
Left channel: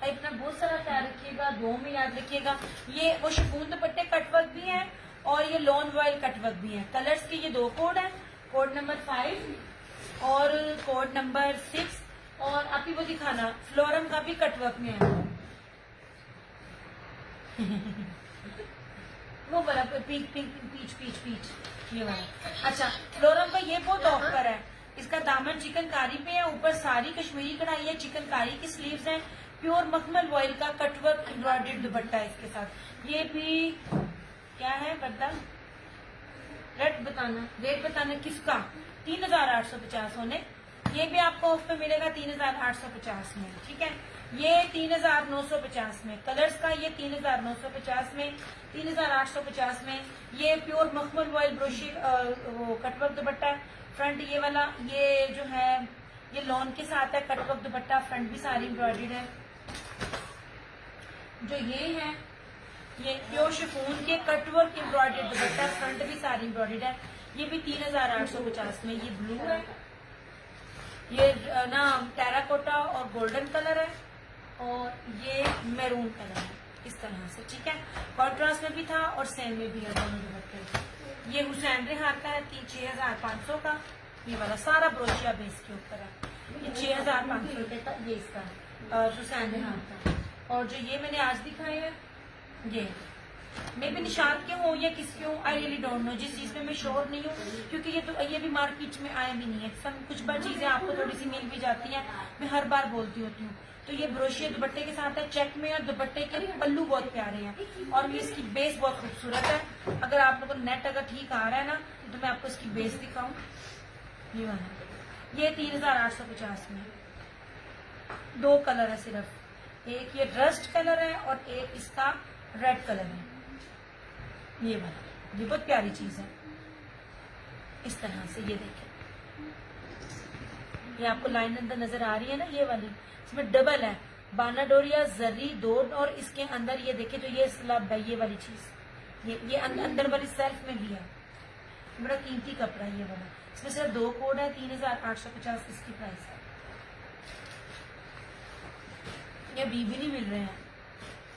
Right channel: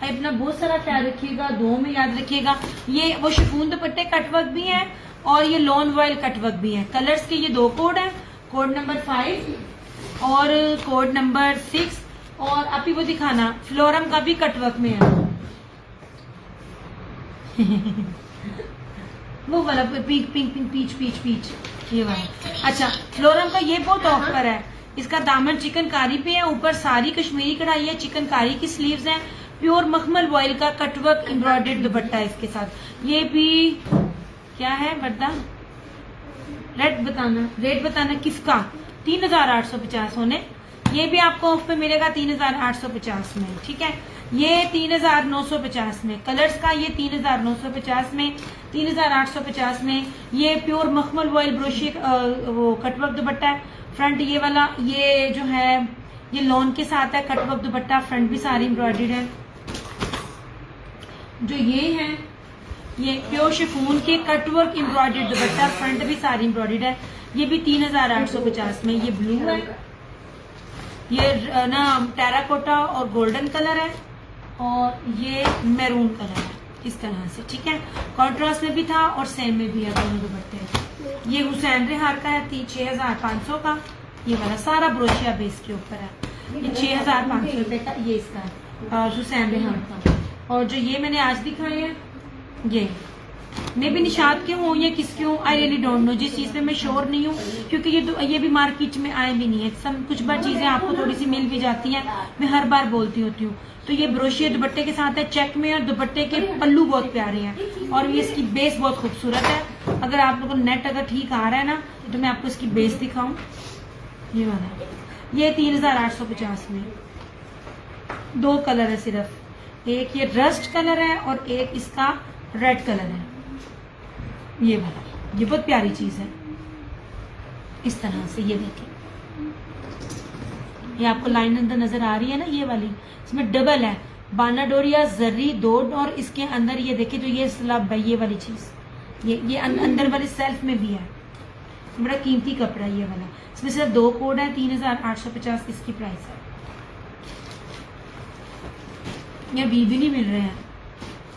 अपना बहुत सारा ख्याल रखिएगा, 2 में याद रखिएगा। ये वो शिफॉन दुपट्टे कटवर्क भी हैं, और ये लॉन वॉयल कटवर्क भी है। कलर्स के ये 2 कोड हैं, कोड नंबर 5 और कोड नंबर 6। और अभी वो दिखाना, फ्लोरम का भी कटवर्क में है। वो वाला पिंक पीच ये वाला। अच्छा, फ्लोरम का ये बहुत ऑफर है। इसका दामन चिकनकारी पे है, ऊपर सारी कश्मीरी कढ़ाई है, चिकनकारी की स्लीव्स हैं, प्योर मखमल वॉयल का कटवर्क एम्ब्रॉयडर्ड दुपट्टा है इसके साथ। ये भी क्या है बता, रेट बताना किसका। 3850 होने। ये भी आपको ऑफ पे मिलेगा 3850 में, ठीक है। ये 3950 में। कलर्स का ये 3950 में, 3850 में। ये प्योर मखमल वॉयल ब्रोशी वो कटवर्क दुपट्टा है। फ्रंट ये वाला, ये जो है ये लॉन के साथ है कटवर्क दुपट्टा, फ्रंट भी सारी एम्ब्रॉयडर्ड है। जो ये है ये प्योर शिफॉन के कटवर्क एम्ब्रॉयडर्ड दुपट्टा, फ्रंट भी सारी एम्ब्रॉयडर्ड है। ये भी 3850 में। ये ब्लू है, ये ना टेराकोटा और गोल्डन कलर है, और ये मैरून कलर है इस तरह से, ठीक है। कॉन्ट्रास्ट में भी था और सेम में भी है दोनों दुपट्टे। ये हुसैन रेहार का है 6500 का। ये वाला सारा ब्रोशिया बेस के ऊपर है। ये 6500 रुपए का ये इसका हुसैन रेहार का। और जो ये मैंने आज दिखाए हैं, ये मे भी निशात के हों या किसके हों, आई रियली डोंट नो। जिस चीज पे मैं श्योर नहीं हूँ, क्योंकि ये भी मार्केट में आए भी नहीं है। सब कुछ बार चीजें आपको थोड़ी सी मिल भी जाती हैं, मैं हर बार बोलती होती हूँ। तो ये ब्रोशिया दुपट्टे के साथ है, चेक में, और दुपट्टे के पल्लू बहुत प्यारे हैं, और ये इसकी बेस बहुत खूबसूरत है। अगर आप लोगों को नेट अगर ठीक आ रहा है ना, तो मैं आपको इसकी बेस दिखाऊं। ये वाला, ये 3850 में। 2 कलर है सिर्फ, एक ये रस्ट कलर है और एक इसका रेड कलर है। ये वाला, ये बहुत प्यारी चीज है। इस तरह से ये देखें, ये आपको लाइन अंदर नजर आ रही है ना, ये वाली, इसमें डबल है, बाना डोरिया जरी 2, और इसके अंदर ये देखिए जो ये स्लब है, ये वाली चीज, ये अंदर वाली सेल्फ में भी है। बड़ा कीमती कपड़ा है ये वाला। इसमें सिर्फ 2 कोड है, 3850 इसकी प्राइस है। ये भी नहीं मिल रहे हैं।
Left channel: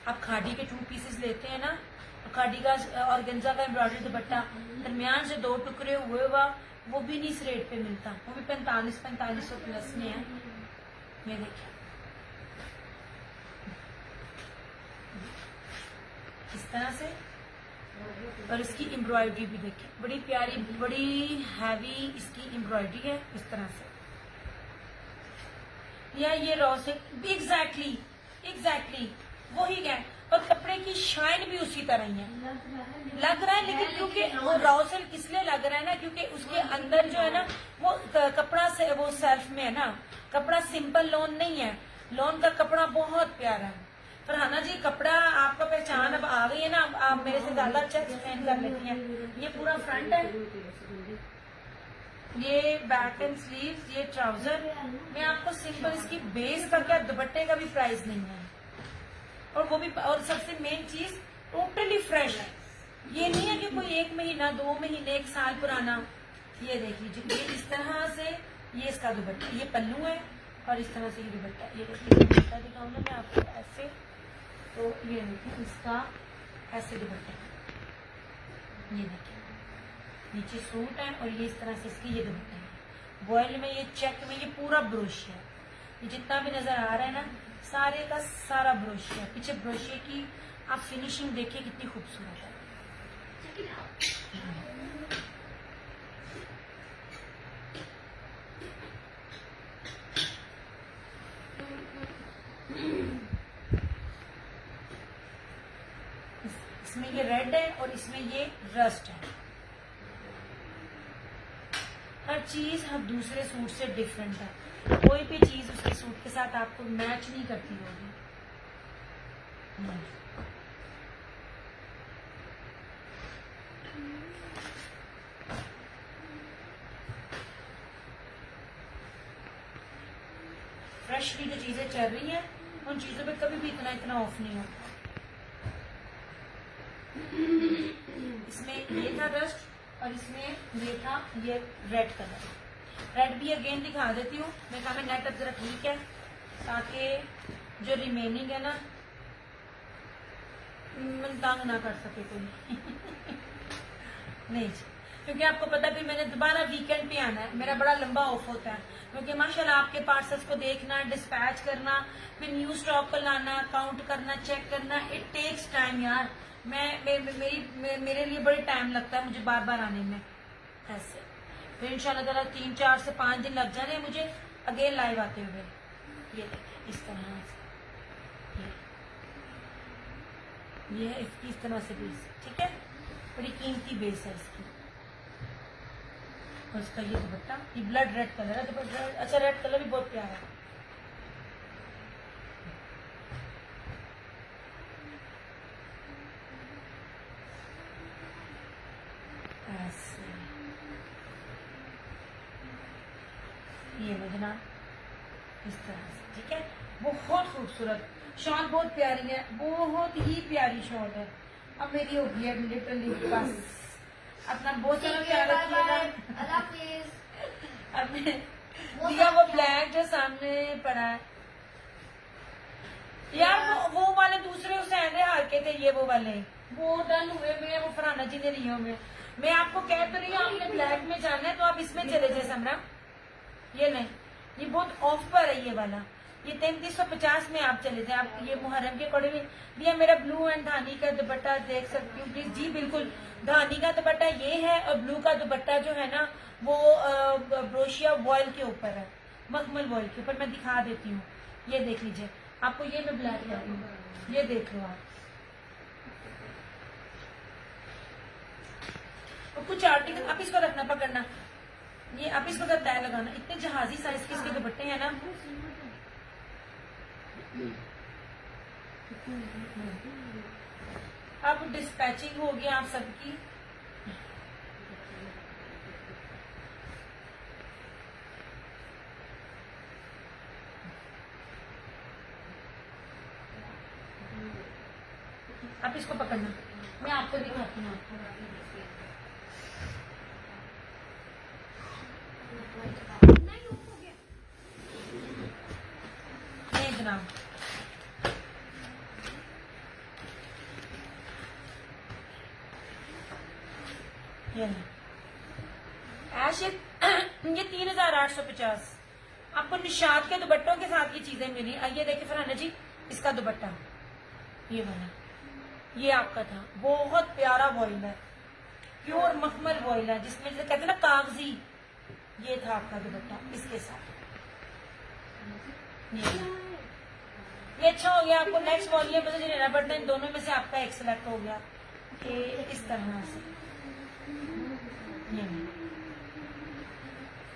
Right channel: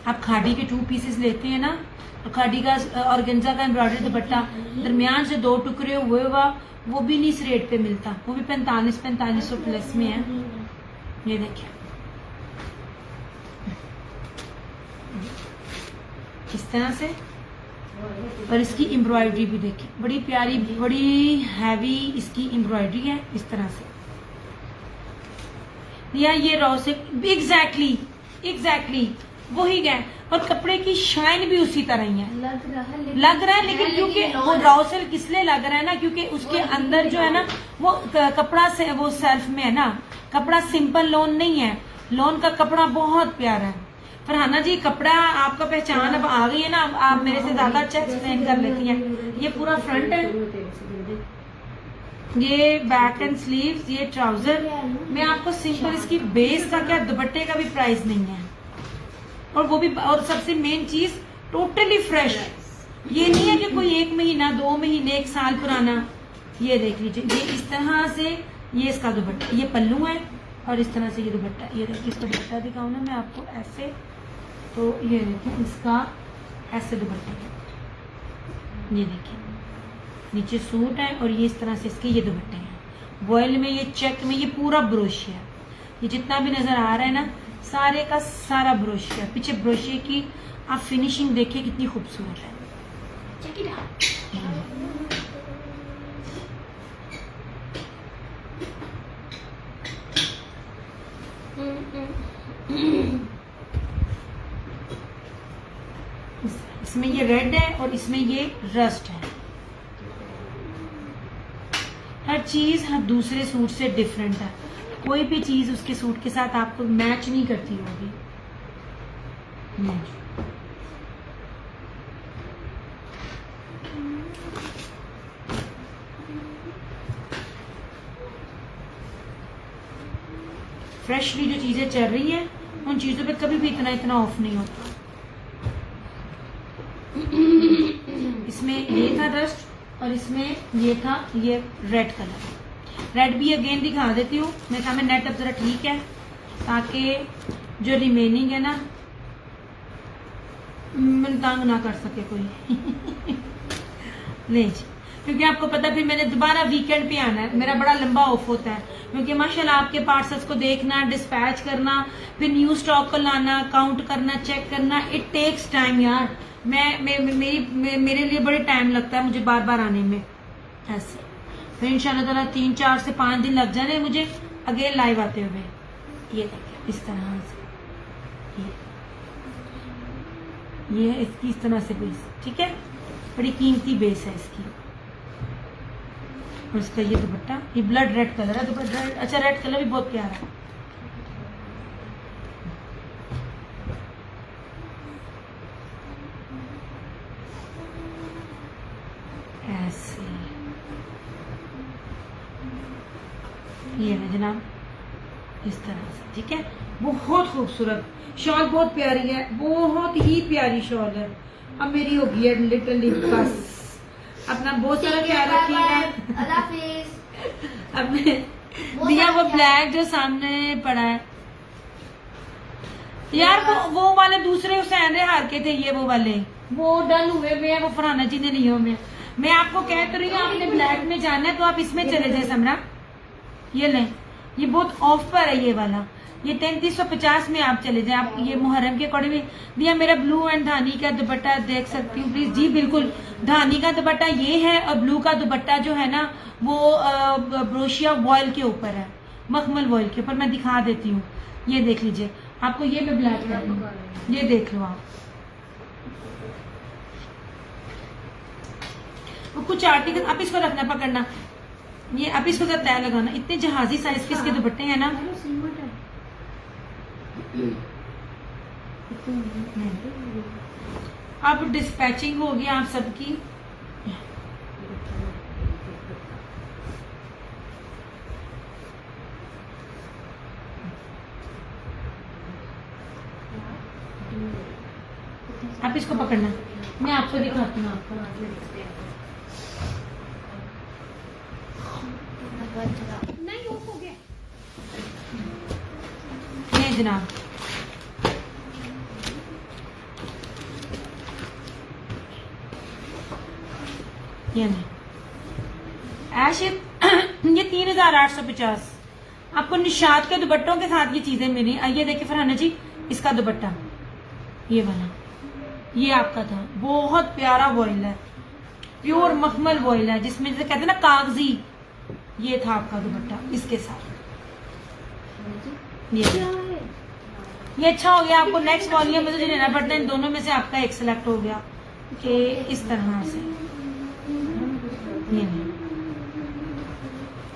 आप खादी के 2 पीसेस लेते हैं ना, तो खादी का ऑर्गेन्जा का एम्ब्रॉयडरी दुपट्टा दरमियान से 2 टुकड़े हुए हुआ, वो भी नहीं इस रेट पे मिलता, वो भी 4500 प्लस में है। ये देखिए इस तरह से, और इसकी एम्ब्रॉयडरी भी देखिए, बड़ी प्यारी, बड़ी हैवी इसकी एम्ब्रॉयडरी है इस तरह से। या ये रॉ से एग्जैक्टली वही है, और कपड़े की शाइन भी उसी तरह ही है, लग रहा है लेकिन क्योंकि वो रॉ सिल्क इसलिए लग रहा है ना, क्योंकि उसके अंदर जो है ना वो कपड़ा से वो सेल्फ में है ना, कपड़ा सिंपल लॉन नहीं है, लॉन का कपड़ा बहुत प्यारा है। फरहाना जी कपड़ा आपका पहचान अब आ गई है ना, आप मेरे से ज्यादा अच्छा एक्सप्लेन कर लेती हैं। ये पूरा फ्रंट है, ये बैक एंड स्लीव्स, ये ट्राउजर। मैं आपको सिंपल इसकी बेस का क्या, दुपट्टे का भी प्राइस नहीं है, और वो भी, और सबसे मेन चीज टोटली फ्रेश है। ये नहीं है कि कोई 1 महीना 2 महीने 1 साल पुराना। ये देख लीजिए, ये इस तरह से, ये इसका दुपट्टा, ये पल्लू है, और इस तरह से ये दुपट्टा। ये देखिए इसका दुपट्टा दिखाऊं ना मैं आपको ऐसे, तो ये देखिए इसका ऐसे दुपट्टे का, ये देखिए नीचे सूट है, और ये इस तरह से इसके ये दुपट्टे हैं। वॉयल में, ये चेक में, ये पूरा ब्रोशिया, ये जितना भी नजर आ रहा है ना, सारे का सारा ब्रोशिया। पीछे ब्रोशिया की आप फिनिशिंग देखिए कितनी खूबसूरत है। इसमें ये रेड है और इसमें ये रस्ट है। हर चीज हर दूसरे सूट से डिफरेंट है, कोई भी चीज उसके सूट के साथ आपको मैच नहीं करती होगी। फ्रेशली जो चीजें चल रही हैं उन चीजों पे कभी भी इतना ऑफ नहीं होता। इसमें ये था डस्ट, और इसमें ये था ये रेड कलर। रेड भी अगेन दिखा देती हूँ, मेरे ख्याल में नेट अब जरा ठीक है, ताकि जो रिमेनिंग है ना मन तंग ना कर सके कोई। नहीं जी, क्योंकि आपको पता फिर मैंने दोबारा वीकेंड पे आना है, मेरा बड़ा लंबा ऑफ होता है, क्योंकि माशाल्लाह आपके पार्सल्स को देखना, डिस्पैच करना, फिर न्यू स्टॉक को लाना, काउंट करना, चेक करना, इट टेक्स टाइम यार। मेरे लिए बड़े टाइम लगता है मुझे बार बार आने में ऐसे। फिर इंशाल्लाह ताला 3, 4 से 5 दिन लग जाने मुझे अगेन लाइव आते हुए। ये देखिए इस तरह से, ये है इसकी इस तरह से बेस, ठीक है, बड़ी कीमती बेस है इसकी। और इसका ये दुपट्टा, ये ब्लड रेड कलर है दुपट्टा। अच्छा, रेड कलर भी बहुत प्यारा है। ऐसे ये है जनाब, इस तरह से, ठीक है। बहुत खूबसूरत शॉल, बहुत प्यारी है, बहुत ही प्यारी शॉल है। अब मेरी होगी है लिटरली, बस अपना बहुत सारा ख्याल रखिएगा। अब दिया वो ब्लैक जो सामने पड़ा है यार, वो वाले दूसरे हुसैन हार के थे, ये वो वाले वो डन हुए हुए हैं, वो फरहाना जी ने लिए हुए। मैं आपको कह तो रही हूँ आपने ब्लैक में जाना है तो आप इसमें चले जाए समरा। ये लें, ये बहुत ऑफ पर है ये वाला, ये 3350 में आप चले जाए। आप ये मुहर्रम के अकॉर्डिंग दिया। मेरा ब्लू एंड धानी का दुपट्टा देख सकती हूँ प्लीज जी। बिल्कुल, धानी का दुपट्टा ये है, और ब्लू का दुपट्टा जो है ना वो ब्रोशिया वॉयल के ऊपर है, मखमल वॉयल के ऊपर। मैं दिखा देती हूँ, ये देख लीजिए। आपको ये मैं ब्लैक कर दूँ, ये देख लो आप। कुछ आर्टिकल आप इसको रखना, पकड़ना, ये अब इसको तो तय लगाना, इतने जहाजी साइज के इसके दुपट्टे हैं ना। अब डिस्पैचिंग हो गया आप सबकी। आप इसको पकड़ना, मैं आपको दिखाती हूँ। आपको नहीं ऑफ हो गया। ये जनाब ये नहीं ऐश ये 3850 आपको निशात के दुपट्टों के साथ ये चीजें मिली। ये देखिए फरहाना जी, इसका दुपट्टा ये वाला, ये आपका था। बहुत प्यारा वॉइल है, प्योर मखमल वॉइल है, जिसमें जैसे कहते हैं ना कागजी, ये था आपका दुपट्टा इसके साथ। ये अच्छा हो गया। आपको नेक्स्ट वॉल्यूम में जो लेना पड़ता है, इन दोनों में से आपका एक सिलेक्ट हो गया कि इस तरह से, ये नहीं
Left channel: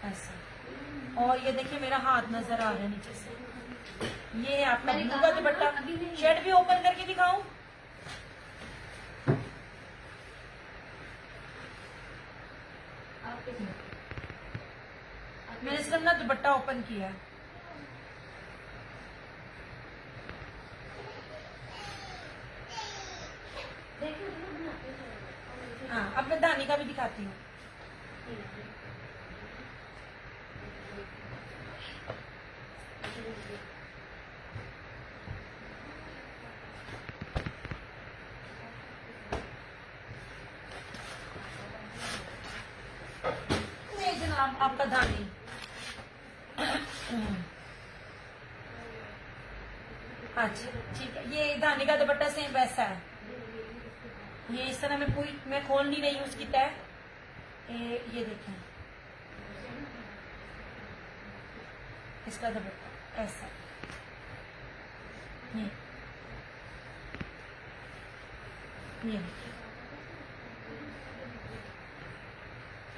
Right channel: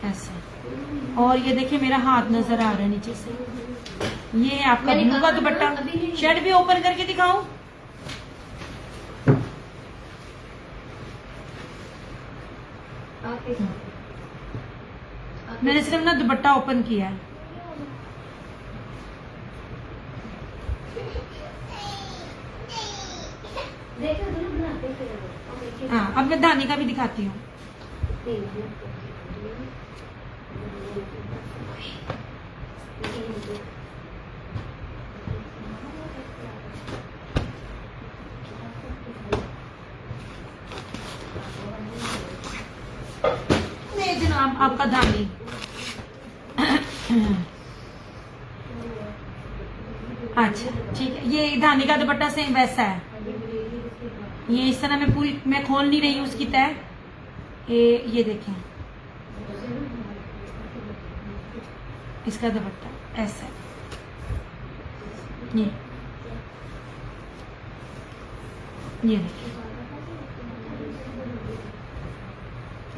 ऐसा। और ये देखिए मेरा हाथ नजर आ रहा है नीचे से, ये है आपका ब्लू का दुपट्टा। शर्ट भी ओपन करके दिखाऊं? मैंने सिर्फ ना दुपट्टा ओपन किया है। हाँ, अब मैं धानी का भी दिखाती हूँ। जनाब आपका धानी अच्छा ठीक है। ये धानी का दुपट्टा सेम वैसा है। ये इस तरह मैं खोल नहीं रही हूँ उसकी तय। ये देखें इसका दुपट्टा ऐसा है। ये देखिए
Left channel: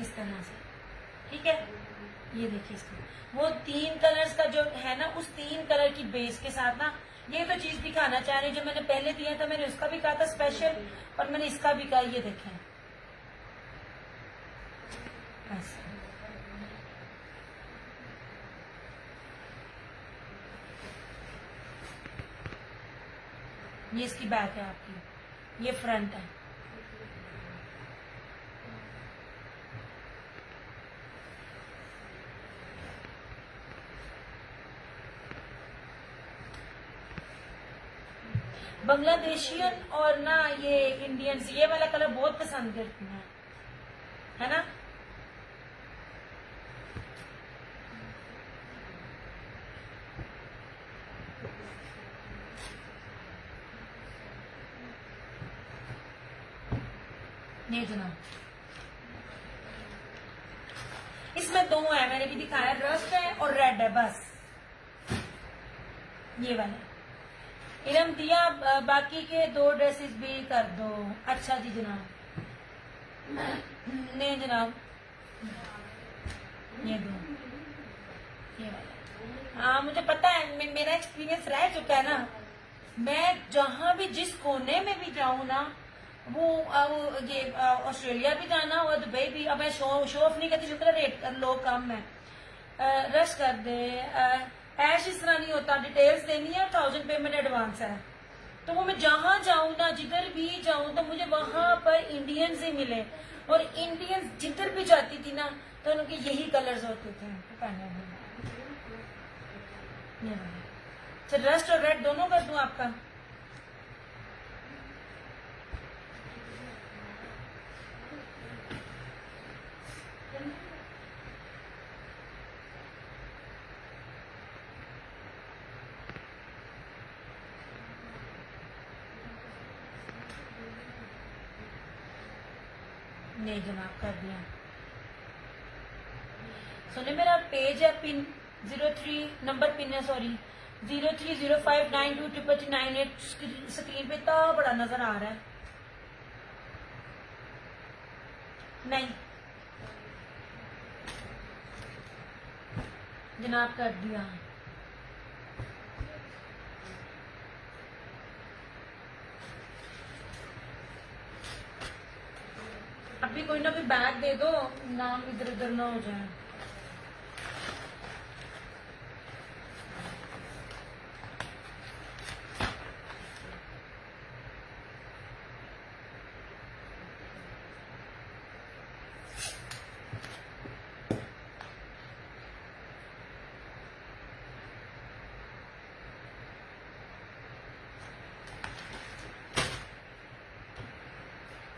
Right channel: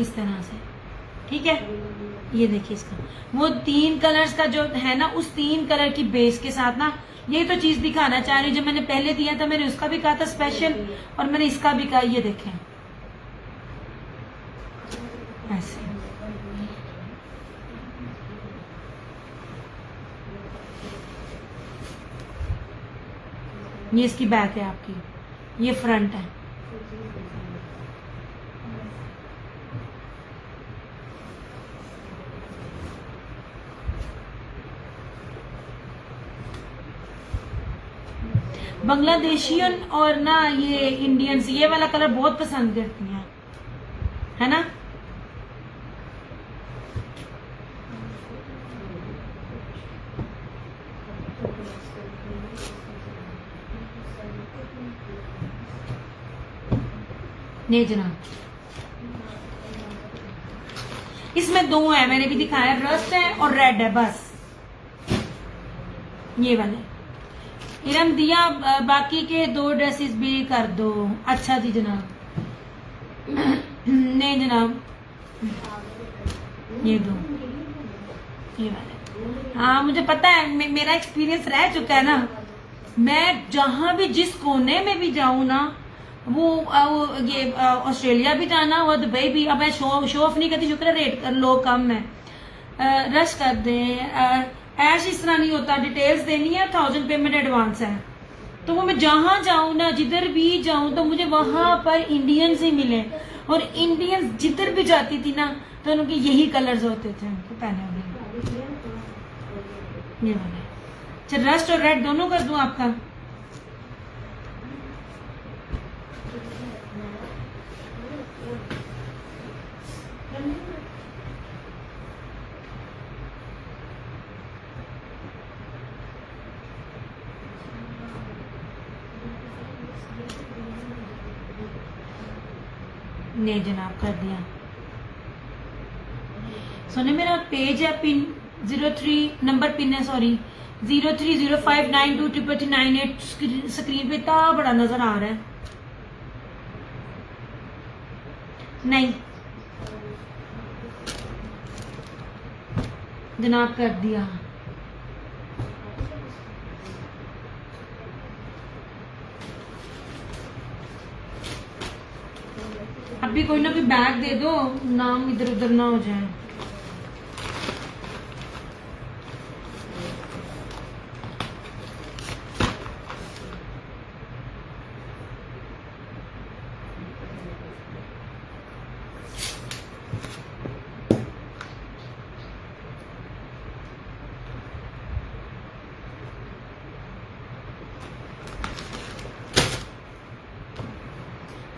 इस तरह से, ठीक है। ये देखिए इसका वो 3 कलर्स का जो है ना, उस 3 कलर की बेस के साथ ना, ये तो चीज दिखाना चाह रही। जब मैंने पहले दिया था मैंने उसका भी कहा था स्पेशल, और मैंने इसका भी कहा। ये देखें ऐसे, ये इसकी बैक है आपकी, ये फ्रंट है। बांग्लादेशियन और ना ये इंडियंस ये वाला कलर बहुत पसंद करती हैं, है ना। नहीं जनाब, इसमें 2 है, मैंने भी दिखाया, रस्ट है और रेड है बस। ये वाले इरम दिया, बाकी के 2 ड्रेसेस भी कर दो। अच्छा जी जनाब। नहीं जनाब, ये 2 ये वाले। हाँ मुझे पता है, मेरा एक्सपीरियंस रह चुका है ना। मैं जहां भी जिस कोने में भी जाऊं ना, वो ये ऑस्ट्रेलिया भी जाना हुआ, दुबई भी। अब मैं शो ऑफ नहीं करती, शुक्र है रेट लोग कम है। रश कर दे ऐश, इस तरह नहीं होता। डिटेल्स देनी है, 1000 पेमेंट एडवांस है। तो वो मैं जहां जाऊं ना, जिधर भी जाऊं, तो मुझे वहां पर इंडियंस ही मिले। और इंडियंस जिधर भी जाती थी ना, तो उनके यही कलर्स होते थे उनके पहने हुए। ये वाले अच्छा, रस्ट और रेड दोनों कर दूं आपका? नहीं जनाब, कर दिया। सुने मेरा पेज है पिन 03 नंबर पिन है, सॉरी 0305923398 स्क्रीन पे इतना बड़ा नजर आ रहा है। नहीं जनाब कर दिया। अभी कोई ना कोई बैग दे दो, नाम इधर उधर ना हो जाए।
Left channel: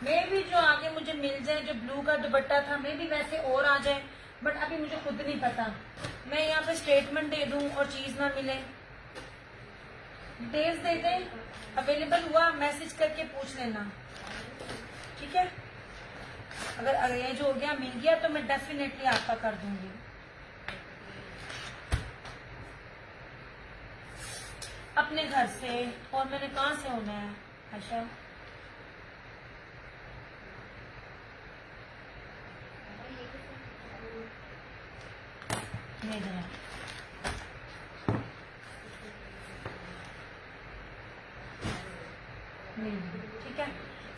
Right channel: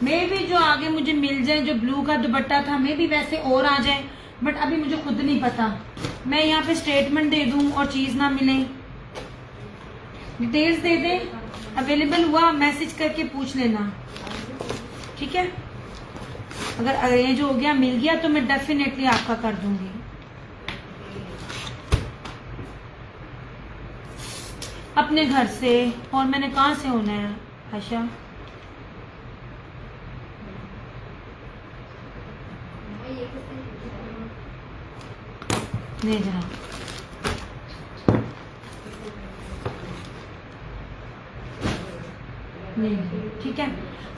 मे भी जो आगे मुझे मिल जाए, जो ब्लू का दुपट्टा था, मे भी वैसे और आ जाए, बट अभी मुझे खुद नहीं पता। मैं यहाँ पे स्टेटमेंट दे दूं और चीज ना मिले, डिटेल्स दे दें, अवेलेबल हुआ मैसेज करके पूछ लेना, ठीक है। अगर अरेंज हो गया, मिल गया, तो मैं डेफिनेटली आपका कर दूंगी। अपने घर से, और मैंने कहाँ से होना है आशा? नहीं जनाब, नहीं, ठीक है।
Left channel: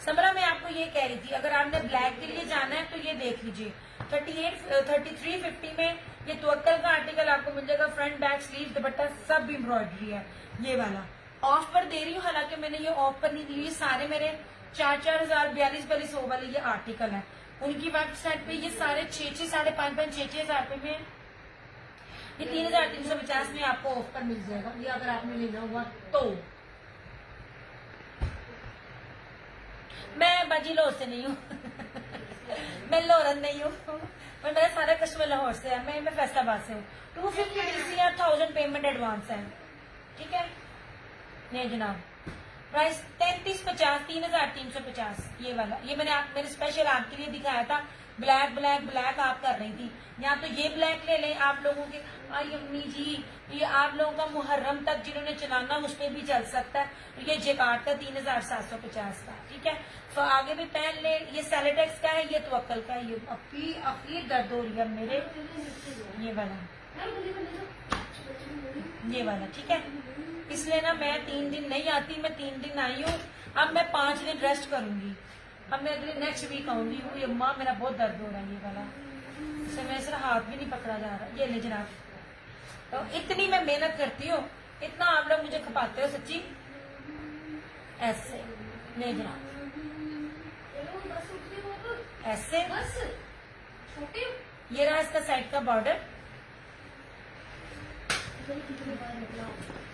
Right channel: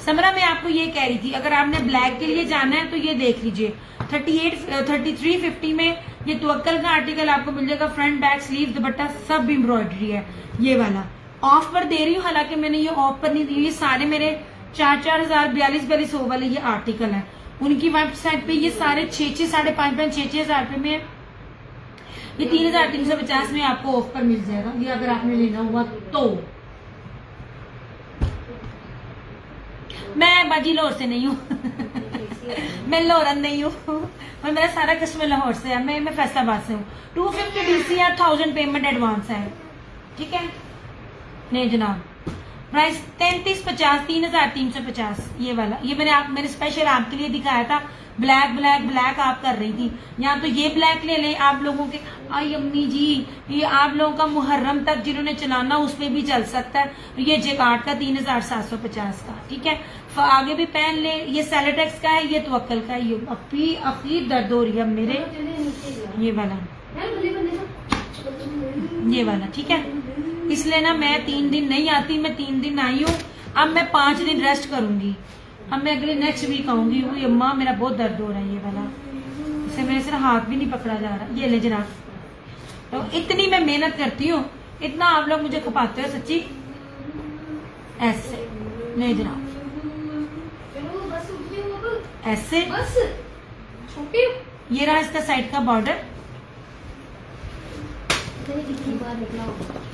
समरा, मैं आपको ये कह रही थी, अगर आपने ब्लैक के लिए जाना है तो ये देख लीजिए 3350 में ये तवक्कल का आर्टिकल आपको मिल जाएगा। फ्रंट बैक स्लीव दुपट्टा सब एम्ब्रॉयडरी है। ये वाला ऑफ पर दे रही हूँ, हालांकि मैंने ये ऑफ पर नहीं दी, ये सारे मेरे 4,000 4200 वाले ये आर्टिकल है। उनकी वेबसाइट पे ये सारे 6,500 5,500 6,000 रुपए में, ये 3,350 में आपको ऑफ पर मिल जाएगा, ये अगर आपने लेना हुआ तो। मैं बाजी लाहौर से नहीं हूँ मैं लाहौरन नहीं हूँ, और मेरा सारा कस्टमर लाहौर से है। मैं फैसलाबाद से हूँ। 250 DC या 1000 पेमेंट एडवांस है, ठीक है। नहीं जनाब, प्राइस 3350 3,350 ये वाला। ये मैंने स्पेशल आपके लिए दिखाया था। ब्लैक ब्लैक ब्लैक आप कर रही थी, यहाँ तो ये ब्लैक ले लें आप लोगों के। आई अम्मी जी, ये आप लोगों का मुहर्रम तक जिन्होंने चलाना उसमें भी चल सकता है। ये जेकार्ड का 3,750 का, ठीक है। आगे भी पहन ले। ये सेलेटेक्स का है, ये तवक्कल का है। ये अभी अखीर दर्द हो रही है मेरे। ये वाला ठीक है। इसलिए ना मैं 3 दिन नहीं आती, मैं 3 दिन आई हूँ। अब मैं 5 दिन रेस्ट करूंगी। अब मैं अगले नेक्स्ट वीक आऊंगी। वो अम्मा मेरा बहुत दर्द हो रहा है ये वाला, इससे मेरे सिर्फ हाथ भी नहीं पकड़ा जा रहा। ये ले जनाब, तो इतनी मैं मेहनत करती हूँ, इतना आप लोग मुझे खपाते हो सच्ची। ऐसे ले जनाब, ऐसे। ये रहा इसका साइड का बॉर्डर,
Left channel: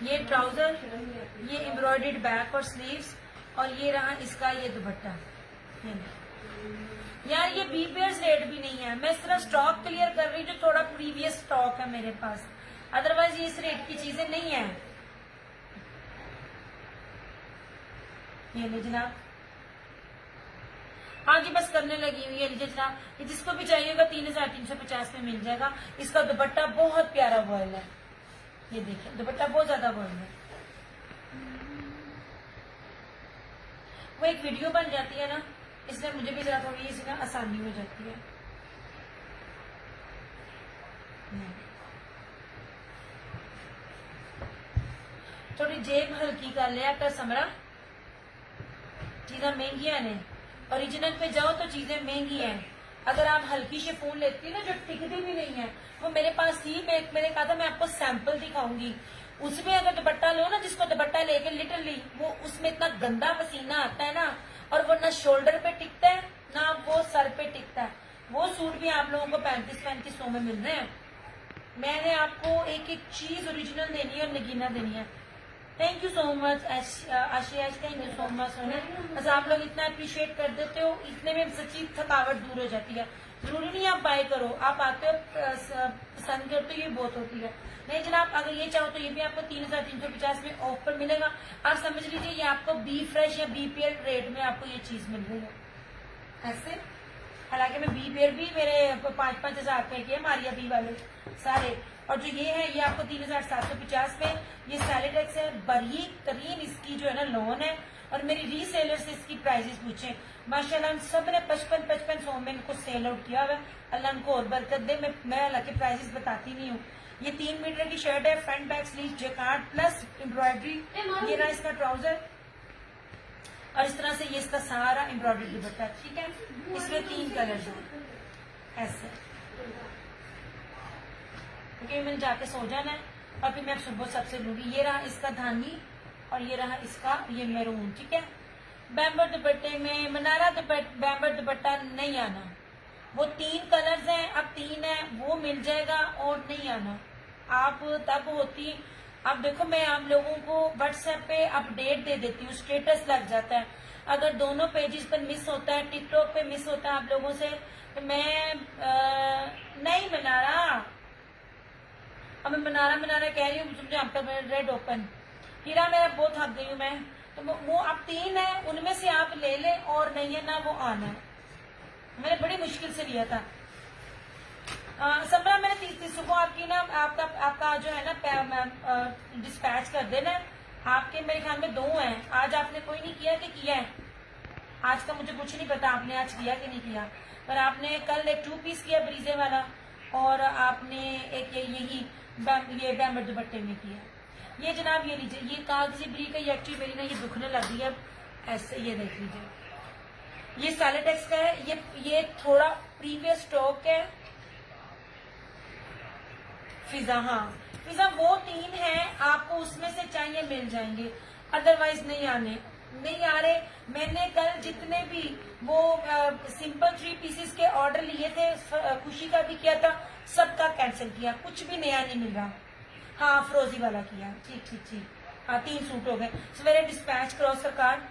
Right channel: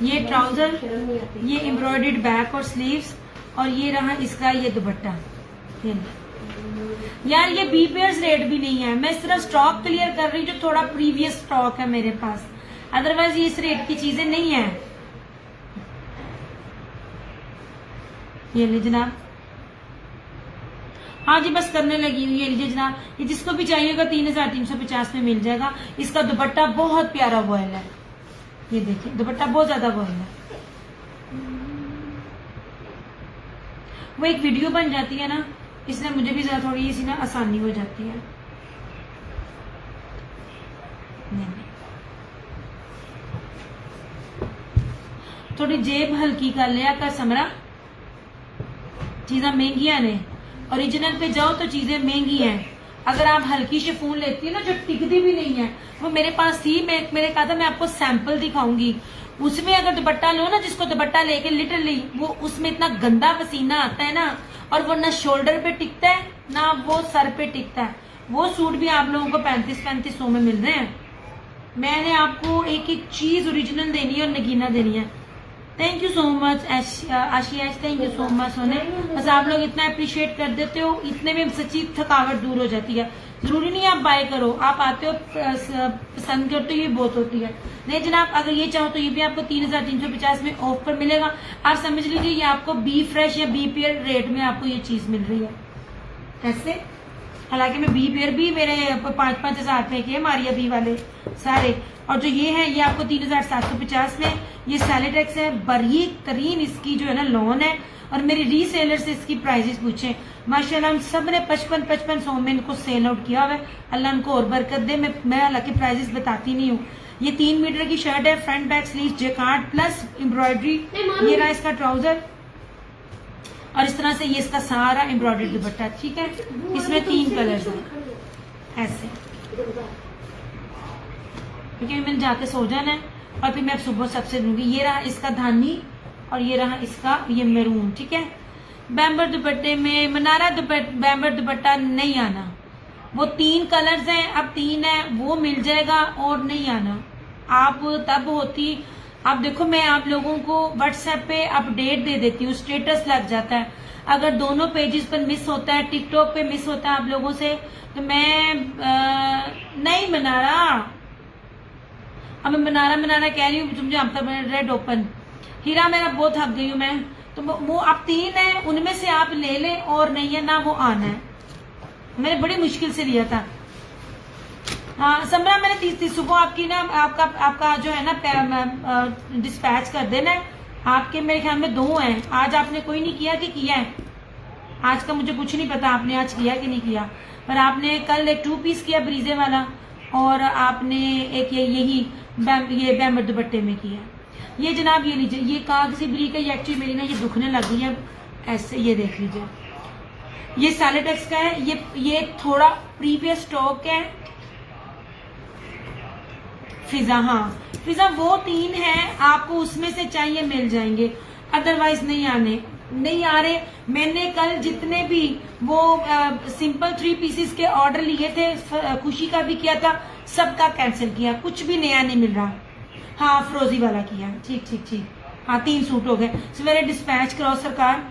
ये ट्राउजर, ये एम्ब्रॉयडर्ड बैक और स्लीव्स, और ये रहा इसका ये दुपट्टा। यार ये बी पेयर्स रेट भी नहीं है, मैं सिर्फ स्टॉक क्लियर कर रही हूँ जो थोड़ा प्रीवियस स्टॉक है मेरे पास, अदरवाइज ये इस रेट की चीजें नहीं है। ये ले जनाब, हाँ जी बस करने लगी हुई है। लीजिए जनाब, ये जिसको भी चाहिएगा 3,350 में मिल जाएगा। इसका दुपट्टा बहुत प्यारा वॉयल है, ये देखिए दुपट्टा बहुत ज्यादा वॉयल है। वो एक वीडियो बन जाती है ना, इसलिए मुझे भी जरा थोड़ी सी ना आसानी हो जाती है। नहीं। थोड़ी जेब हल्की कर लिया कर समरा, चीजें महंगियां ने। ओरिजिनल पे जाओ तो चीजें महंगी हैं। अगर आप हल्की शिफॉन लेती है ना जो टिकती भी नहीं है, वो मेरे पास थी, मैंने कहा था मैं आपको सैंपल दिखाऊंगी। उसमें अगर दुपट्टा लो ना, जिसको दुपट्टा लेके लिटरली वो उसमें इतना गंदा पसीना आता है ना, और वो ना शोल्डर पे टिकता है ना वो सर पे टिकता है। वो सूट भी आप लोगों को 3500 में मिल रहे हैं। मैंने आपको एक एक चीज ओरिजिनल देनी है और नगीना देनी है। Thank you so much Asia, thank you so much सोने। बस आप लोग इतना अप्रिशिएट कर देते हो, इतने में सच्ची थकावट दूर हो जाती है। जरूरी नहीं आप बाय करो, आप आते हो पसंद करते हो, ये बहुत होती है। नहीं जनाब, अगर ये चाहो तो ये भी आपको 3,350 में ऑफ पर मिलेगा। आप समझ लीजिए ये आपको बी फ्रेश या बी पेयर रेट में आपको ये चीज मिल रही है ऐसे। हालांकि मैं बी पेयर भी मेरे 5-5 हजार रुपए के मारिया बी वाले सारे, और जो ये है ये आपको 3,750 में। ये सैलेटेक्स है, बारीक तरीन इसकी जो है ना लॉन है, और मेरी रीसेलर से इसकी प्राइजेस पूछे, माशाल्लाह हम सब ने 55-55 में इनको सेल आउट किया हुआ है। अल्लाह इनको और बरकत दे। मैं हालांकि प्राइजेस बताती नहीं हूँ। ये 3 मीटर की शर्ट है, front back sleeve jacquard plus embroidery. ये रहा इसका ट्राउजर और इस तरह से ये इसका सारा एम्ब्रॉयडरी दुपट्टा। ठीक है, इसमें 3 कलर्स हैं ऐसे। ठीक है, मैंने जाके सो जाना है और फिर मैं सुबह सबसे लूंगी। ये रहा इसका धानी और ये रहा इसका ये मैरून। ठीक है, बैम्बर दुपट्टे में मनारा बैम्बर दुपट्टा नहीं आना। वो 3 कलर्स हैं, अब 3 है, वो मिल जाएगा और नहीं आना। आप तब होती, आप देखो मैं आप लोगों को व्हाट्सएप पे अपडेट दे देती हूँ, स्टेटस लग जाता है। अगर दोनों पेजेस पर मिस होता है, टिकटॉक पे मिस होता है आप लोगों से, तो मैं नहीं मनारा, अब मैं मनारा कह रही हूँ, मुझे अब तक रेड ओपन हीरा मेरा बहुत थक गई हूँ मैं। तो वो अब 3 है, उनमें से आप ले लें और नहीं है ना वो आना है। मैंने बड़ी मुश्किल से लिया था। हाँ समरा, मैंने 30 सुबह आपकी ना आपका जो है ना डिस्पैच कर देना है। आपके मेरे ख्याल में 2 हैं। आज आपने कोई नहीं किया कि किया है? आज का मुझे कुछ नहीं पता आपने आज किया कि नहीं किया, पर आपने कल एक 2 पीस किया ब्रीजे वाला और आपने एक ये बैम्बर दुपट्टे में किया। ये जनाब ये लीजिए, ये कागजी ब्री का, ये एक्चुअली मेरी ना ये दुखने लग गई है ऐसे। ये देख लीजिए, ये सैलेटेक्स का है। ये थोड़ा प्रीवियस स्टॉक है। फिजा, हाँ फिजा वो 3 है, आपको उसमें से चाहिए मिल जाएंगे, अदरवाइज नहीं आ रहे। मैंने कल जितने भी वो सिंपल 3 पीसेस के ऑर्डर लिए थे, खुशी का भी किया था, सबका कैंसिल किया, कुछ भी नया नहीं मिल रहा। हाँ फरोजी वाला किया, ठीक। हाँ 3 सूट हो गए। सवेरे डिस्पैच करो सरकार,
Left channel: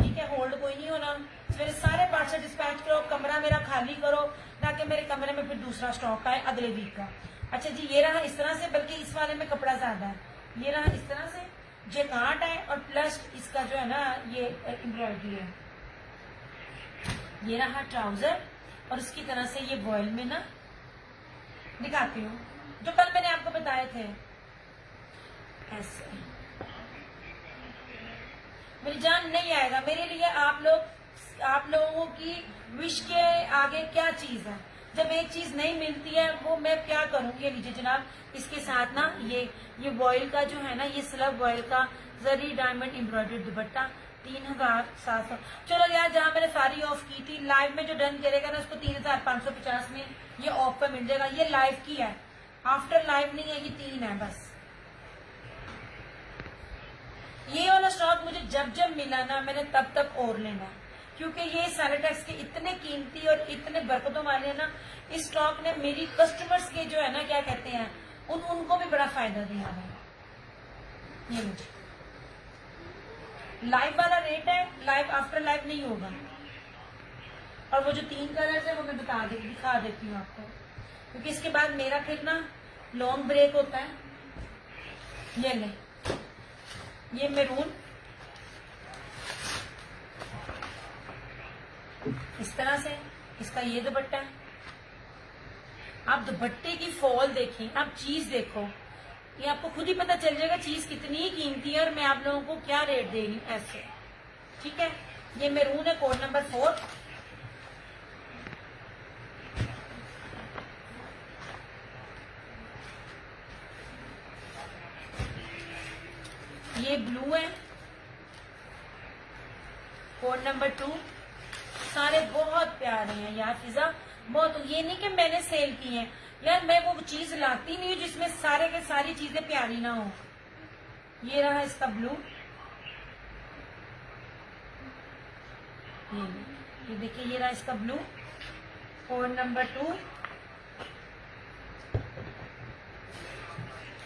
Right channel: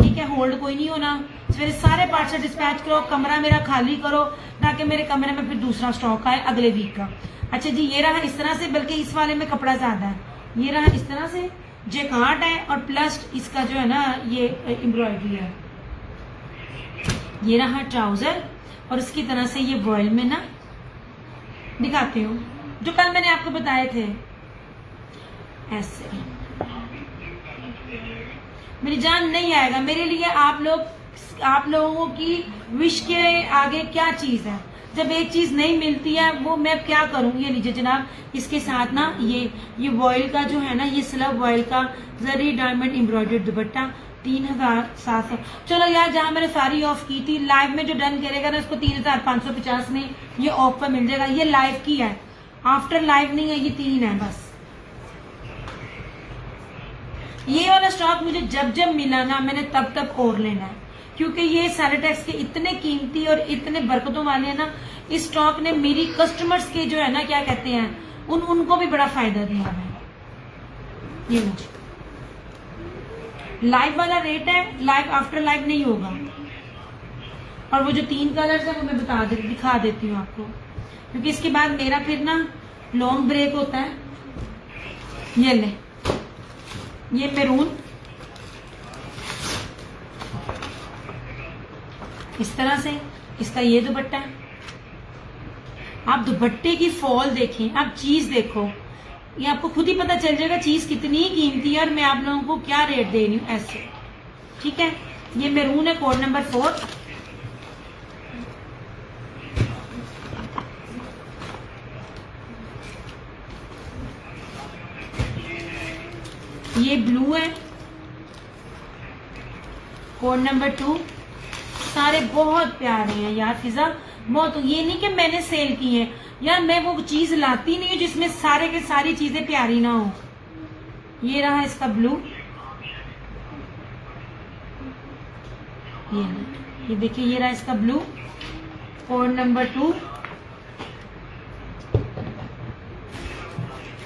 ठीक है, होल्ड कोई नहीं होना। सवेरे सारे पार्ट से डिस्पैच करो, कमरा मेरा खाली करो, ताकि मेरे कमरे में फिर दूसरा स्टॉक आए अगले वीक का। अच्छा जी, ये रहा इस तरह से, बल्कि इस वाले में कपड़ा ज्यादा है। ये रहा इस तरह से जेकार्ड है और प्लस इसका जो है ना ये एम्ब्रॉयडरी है। ये रहा ट्राउजर और इसकी तरह से ये वॉयल में ना दिखाती हूँ, जो कल मैंने आपको बताए थे ऐसे। मेरी जान नहीं आएगा मेरे लिए। आप लोगों की विश के आगे क्या चीज है? जब एक चीज नहीं मिलती है वो मैं क्या करूं? ये लीजिए जनाब, इसके साथ ना ये वॉयल का जो है ना, ये स्लब वॉयल का जरी डायमंड एम्ब्रॉयडरी दुपट्टा 3700। चलो यार, जहां मैंने सारी ऑफ की थी, लाइव में जो डन करेगा ना उसको 3550 में ये ऑफ पर मिल जाएगा। ये लाइव की है, आफ्टर लाइव नहीं है, ये 3 है बस। ये वाला स्टॉक मुझे जब मिला ना, मैंने तब और लेना है, क्योंकि ये सैलेटेक्स के इतने कीमती और इतने बरकतों वाले हैं ना। इस स्टॉक ने मेरी कस्टमर्स के जो है ना, क्या कहते हैं, उनको भी बड़ा फायदा दिया है। ये मुझे लाइव वाला रेट है, लाइव आफ्टर लाइव नहीं होगा। और वो जो 3 कलर्स है वो मैं दिखा देती हूँ आपको, क्योंकि इसके बाद मेरा फिर ना लॉन्ग ब्रेक होता है। ये ले, ये मैरून इस तरह से, इसका ये दुपट्टा। आप दुपट्टे की फॉल देखें, आप चीज देखो, ये आपको खुद ही पता चल जाएगा चीज कितनी कीमती है और मैं आप लोगों को क्या रेट दे रही हूँ ऐसे। ठीक है, ये मैरून है, कोड नंबर 4। ये ब्लू है, कोड नंबर 2। सारे बहुत प्यारे हैं यार फिजा, बहुत। ये नहीं कि मैंने सेल की है यार, मैं वो चीज लाती नहीं हूँ जिसमें सारे के सारी चीजें प्यारी ना हो। ये रहा इसका ब्लू, ये देखिए, ये रहा इसका ब्लू, कोड नंबर 2।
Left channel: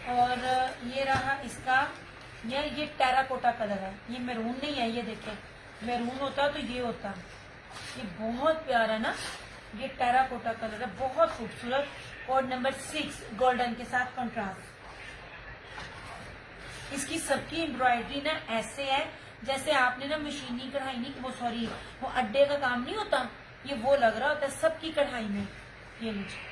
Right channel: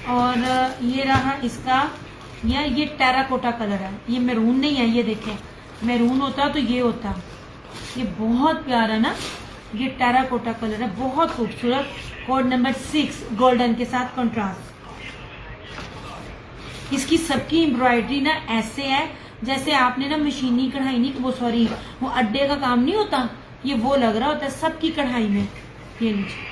और ये रहा इसका, ये टेराकोटा कलर है, ये मैरून नहीं है। ये देखें, मैरून होता तो ये होता। ये बहुत प्यारा ना, ये टेराकोटा कलर है, बहुत खूबसूरत। कोड नंबर 6 गोल्डन के साथ कंट्रास्ट। इसकी सबकी एम्ब्रॉयडरी ना ऐसे है जैसे आपने ना मशीनी कढ़ाई नहीं, वो सॉरी, वो अड्डे का काम नहीं होता, ये वो लग रहा होता है सबकी कढ़ाई में। ये लीजिए,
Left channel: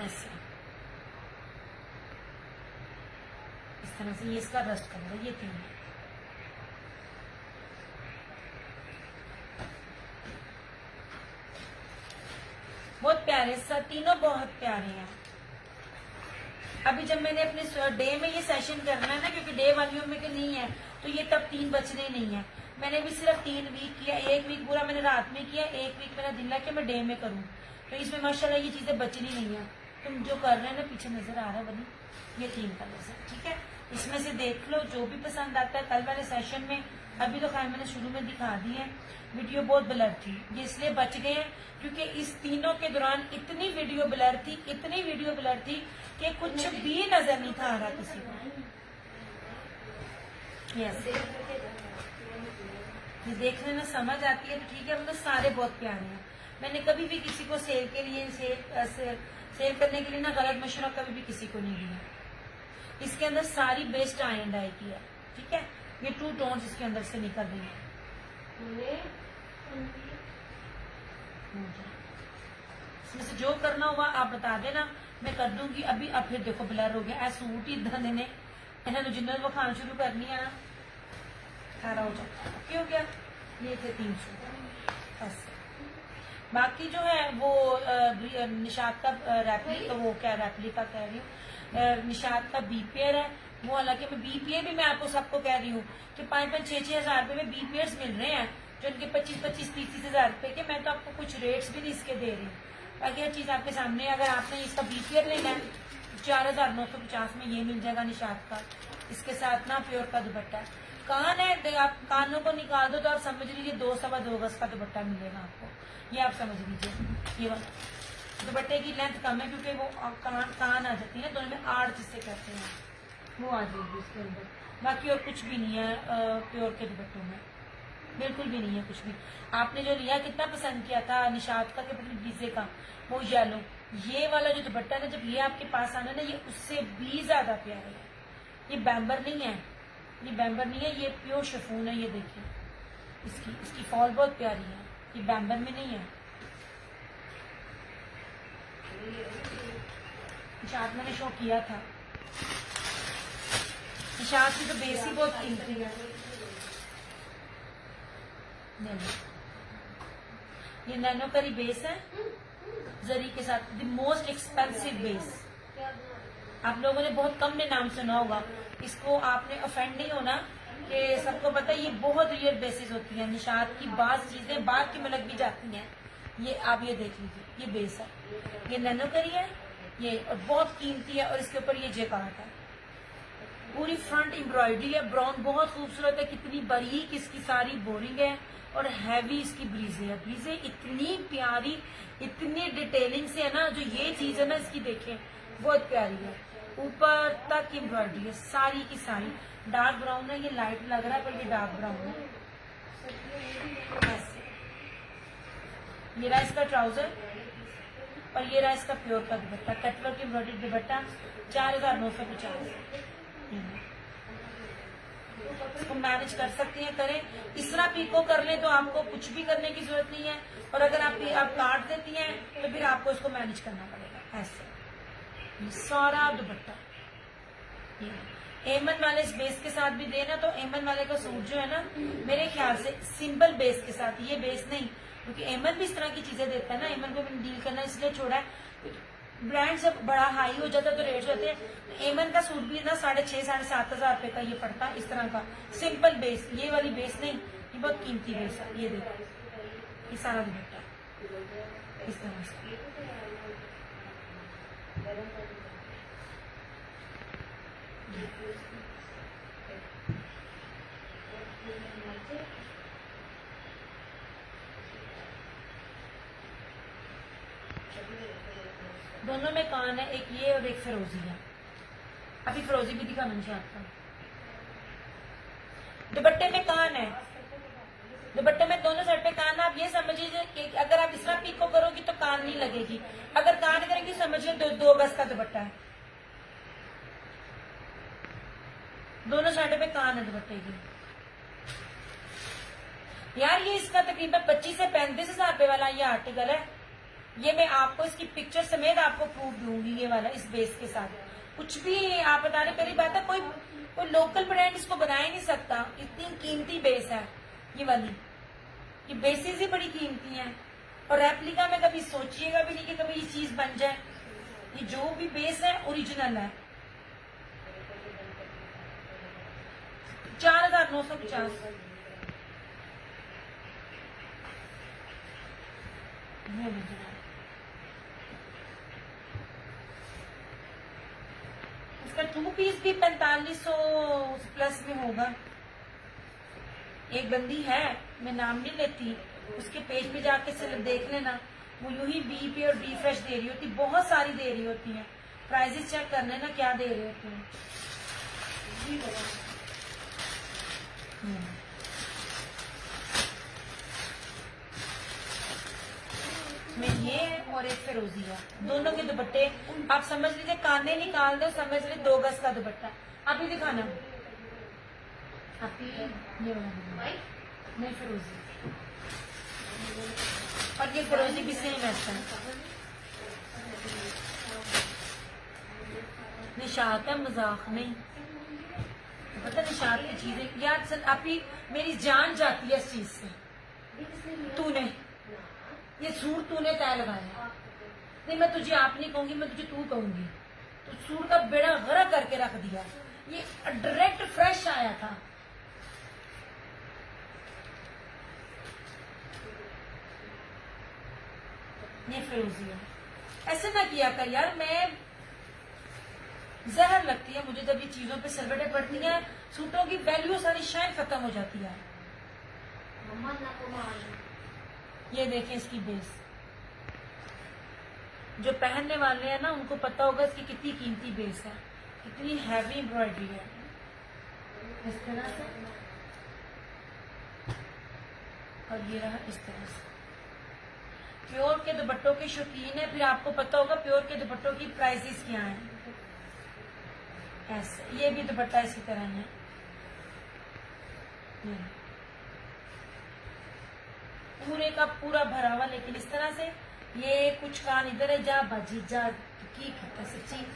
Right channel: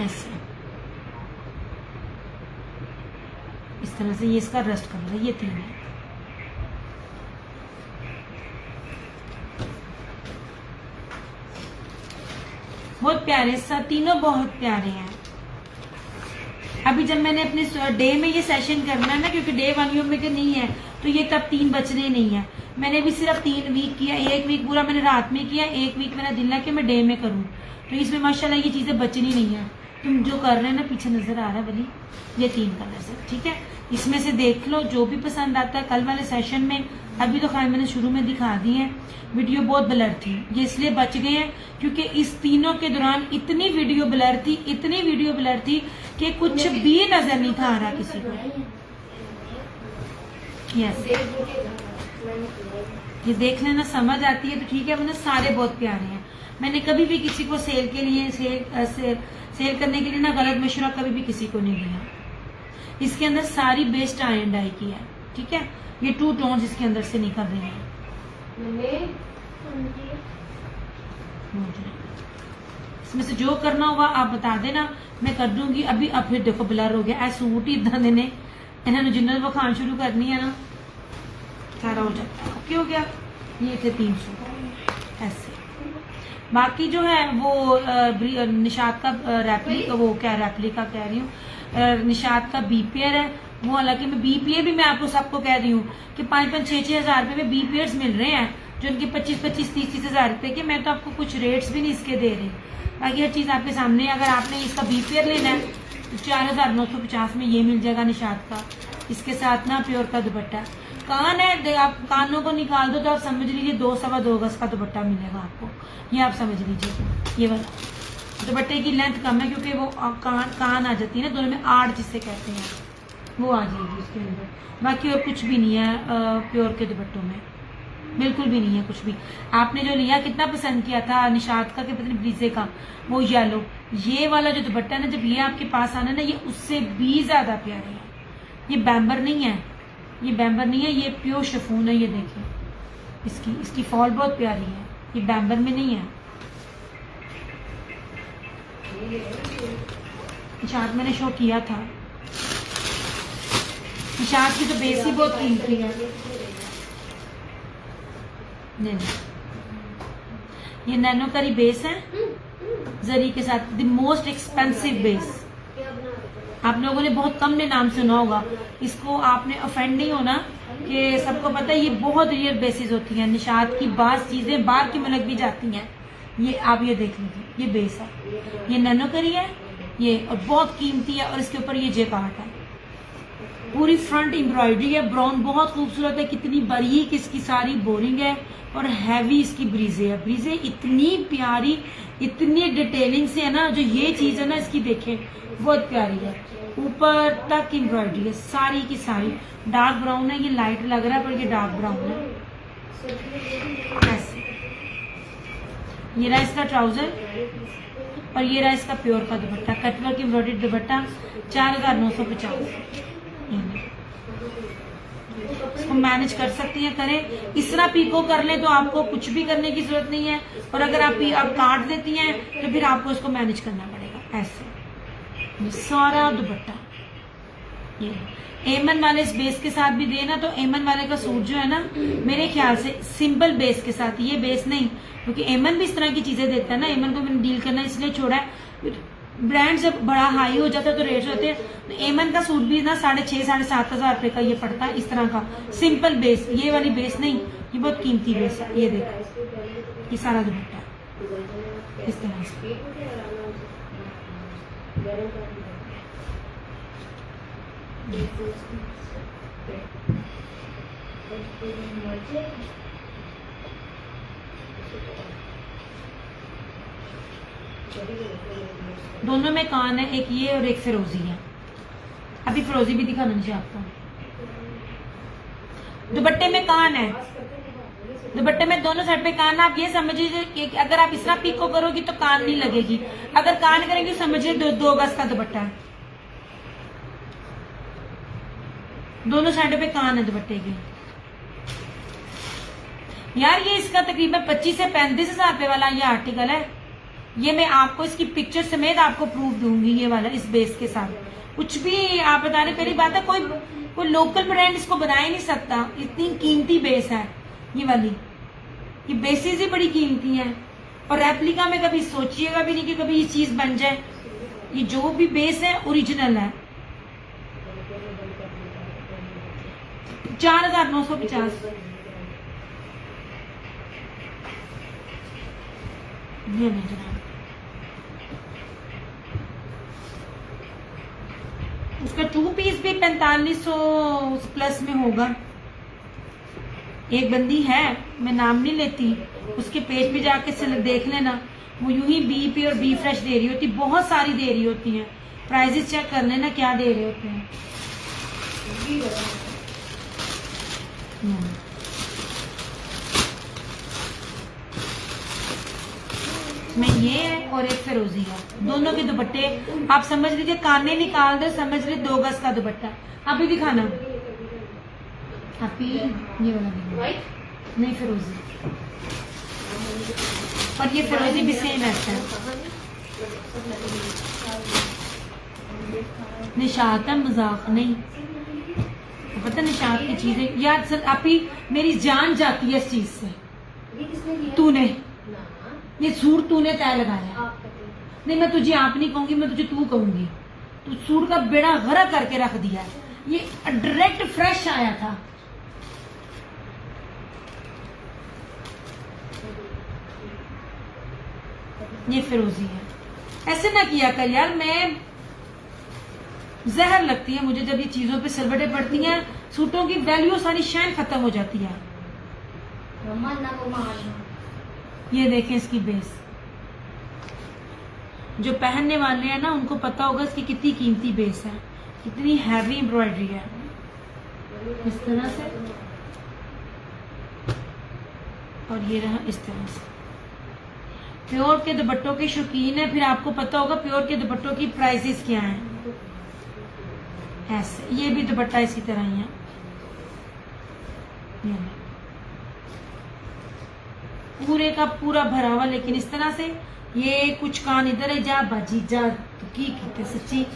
ऐसे इस तरह से। ये इसका रस्ट कलर है, ये 3 है। बहुत प्यारे, सब तीनों बहुत प्यारे हैं। अभी जब मैंने अपने डे में ये सेशन करना है ना, क्योंकि डे वालियों में नहीं है तो ये तब 3 बचने नहीं है। मैंने भी सिर्फ 3 वीक किया, 1 वीक पूरा मैंने रात में किया, 1 वीक मेरा दिल है कि मैं डे में करूँ। तो इसमें माशाल्लाह ये चीजें बचनी नहीं है। तुम जो कर रहे हैं ना, पीछे नजर आ रहा है वली, ये 3 कलर है, ठीक है। इसमें से देख लो जो भी पसंद आता है। कल वाले सेशन में, अभी तो खैर मैंने शुरू में दिखा दी है, वीडियो बहुत ब्लर थी, ये इसलिए बच गए हैं क्योंकि इस तीनों के दौरान इतनी वीडियो ब्लर थी, इतनी वीडियो ब्लर थी कि कुछ भी नजर नहीं था आ रहा किसी को। यस, ये देख लेना, समझ आती है तो ठीक है, वरना सारे बहुत प्यारे हैं। मैंने कभी भी किसी को सेल के लिए सेल करने के लिए ना गलत मशवरा कभी भी किसी को नहीं दिया। इसके अंदर सारी बेस्ट आयरन डाई की है, ठीक है। ये 2 टोन्स इसके अंदर से निकल रही हैं। इसमें से जो करना होगा आप बता देना, मैं कर दूंगी। अभी अब फिर देखो ब्लर हो गया, सूट ही इदा देने इन्होंने जिन्होंने वखान शुरू करनी है ना, सारा हो जाता है। ओके हो गया। ये थे 3 सूट ऐसे। बाकी जो है वो निशात का रेप्लिका, वो क्या रेप्लिका कह रही हूँ, निशात का बी पेयर है वो। हालांकि मैं बी पेयर भी मैं आपको सबको कह रही हूँ कि 5-5, 6-6 हजार रुपए में बी पेयर्स मिल रहे हैं, जो उनके 25-25, 30-30 हजार रुपए के। मैं तो आपको कुछ रेट्स भी नहीं इसके दे रही। बाकी हर चीज आपके सामने। अगर आपने इसका बी पेयर लेना है तो 4,950 में ये मिल जाएगा निशात का। इसके साथ ना प्योर का दुपट्टा। कान है, आप कानों को निकाल दो तो आप समझ लीजिए 2-2.25 गज का दुपट्टा मिलेगा आपको। ये आप समझ लीजिए। ये वाला दुपट्टे की लेंथ कम है क्योंकि वो कान आ जाती है ना, दोनों में 8 जिससे कहते हैं, वो आ जाएगी उसके अंदर। बाकी और कुछ भी नहीं है प्योर के दुपट्टों में, बिल्कुल भी नहीं है कुछ भी। आपने जो लिया कितना पसंद किया था निशात का, कि पता नहीं ब्रीजे का, वो येलो। ये वाला जो दुपट्टा है ना, जब ये आपके पास आना ना, ये उससे भी ज्यादा प्यारा है। ये बैम्बर नहीं है, ये बैम्बर नहीं है, ये प्योर शिफॉन है। ये देखिए इसकी फॉल बहुत प्यारी है, ये बैम्बर में नहीं है। निशात मैंने शो किया था। निशात की तो बेस ही बहुत कीमती है। नहीं, ये नैनो करी बेस है जरी के साथ, द मोस्ट एक्सपेंसिव बेस। आप लोगों ने बहुत कम ने नाम सुना होगा, इसको आपने ऑफेंड नहीं होना कि सबको पता है ये बहुत रियल बेसिस होती हैं। निशात की बात चीजें बाहर की मुल्क भी जाती हैं। ये आप ये देख लीजिए, ये बेस है, ये नैनो करी है ये, और बहुत कीमती है। और इसके ऊपर ये जेकार्ड है, पूरी फ्रंट एम्ब्रॉयडरी है, ब्राउन बहुत खूबसूरत है। कितनी बारीक इसकी सारी बोरिंग है और हैवी इसकी ब्रीजे है। ब्रीजे इतनी प्यारी, इतनी डिटेलिंग से है ना, जो ये चीज है ना इसकी देखें बहुत प्यारी है। ऊपर तक एम्ब्रॉयडरी है सारी की सारी। डार्क ब्राउन है, ये लाइट लग रहा है पर ये डार्क ब्राउन है। ऐसे ये रहा इसका ट्राउजर और ये रहा इसका प्योर का दुपट्टा, कटवर्क एम्ब्रॉयडरी दुपट्टा 4,950। इसको मैनेज कर सकती हैं, करें। इस तरह पीको कर लें तो आपको कुछ भी करने की जरूरत नहीं है। और अगर आप काट देती हैं तो फिर आपको इसको मैनेज करना पड़ेगा। ऐसे ये सारा दुपट्टा, ये एमन वाले इस बेस के साथ भी देना, तो एमन वाले का सूट जो है ना, मेरे ख्याल से सिंपल बेस के साथ, ये बेस नहीं, क्योंकि एमन भी इस तरह की चीजें देता है ना। एमन को मैंने डील करना इसलिए छोड़ा है, ब्रांड जब बड़ा हाई हो जाता है तो रेट्स होते हैं। तो एमन का सूट भी ना 6,500-7,500 रुपए का ये पड़ता है, इस तरह का सिंपल बेस। ये वाली बेस नहीं, ये बहुत कीमती बेस है। ये देखो ये सारा दुपट्टा इस तरह से। दोनों में कान है, एक ये और एक फिरोजी है। अभी फिरोजी भी दिखा मुझे आपको। दुपट्टे में कान है, दुपट्टे में दोनों साइड पे कान। आप ये समझिए कि अगर आप इस तरह पीको करोगी तो कान नहीं लगेगी, अगर कान करेंगी समझिए 2 गज का दुपट्टा है। दोनों साइड पे कान है दुपट्टे की। यार ये इसका तकरीबन 25 से 35 हजार रुपए वाला ये आर्टिकल है। ये मैं आपको इसकी पिक्चर समेत आपको प्रूफ दूंगी, ये वाला इस बेस के साथ। कुछ भी आप बता रहे, पहली बात है कोई लोकल ब्रांड इसको बना ही नहीं सकता, इतनी कीमती बेस है ये वाली। ये बेसेस ही बड़ी कीमती हैं, और रेप्लिका में कभी सोचिएगा भी नहीं कि कभी ये चीज बन जाए। ये जो भी बेस है ओरिजिनल है। 4950 ये ले जनाब। उसका 2 पीस भी 4500 प्लस में होगा। एक बंदी है, मैं नाम नहीं लेती, उसके पेज पे जाके देख लेना, वो यूं ही बी पी और बी फ्रेश दे रही होती, बहुत सारी दे रही होती हैं। प्राइजेस चेक कर लेना क्या दे रहे होते हैं। में ये है और एक फिरोजी है, दोनों के दुपट्टे आप समझ लीजिए, काने निकाल दो, समझ लीजिए 2 गज का दुपट्टा। अभी दिखाना आप ये वाला नहीं फिरोजी, और ये फिरोजी भी सेम ऐसा है। निशात है, मजाक नहीं, पता निशात की चीजें यार सर आप ही मेरी जान जाती है इस चीज से। तूने ये सूट तूने तय लगाया, नहीं मैं तुझे आप नहीं कहूंगी, मैं तुझे तू कहूंगी। तू सूट का बेड़ा गर्क करके रख दिया, ये डायरेक्ट फ्रेश आया था। ये फिरोजी है, ऐसे ना किया कर यार। मैं जहर लगती है मुझे जब ये चीजों पे सिलवटें पड़ती हैं, सूटों की वैल्यू सारी शाइन खत्म हो जाती है। ये देखें इसकी बेस, जो पहनने वाले हैं ना उनको पता होगा इसकी कितनी कीमती बेस है, कितनी हैवी एम्ब्रॉयडरी है। इस तरह से, और ये रहा इस तरह से। प्योर के दुपट्टों के शौकीन है, फिर आपको पता होगा प्योर के दुपट्टों की प्राइसेस क्या हैं। ऐसे ये भी दुपट्टा इसी तरह ही है। पूरे का पूरा भरा हुआ, लेकिन इस तरह से। ये कुछ कान इधर है, जा बाजी जा, तो की कहते सच्ची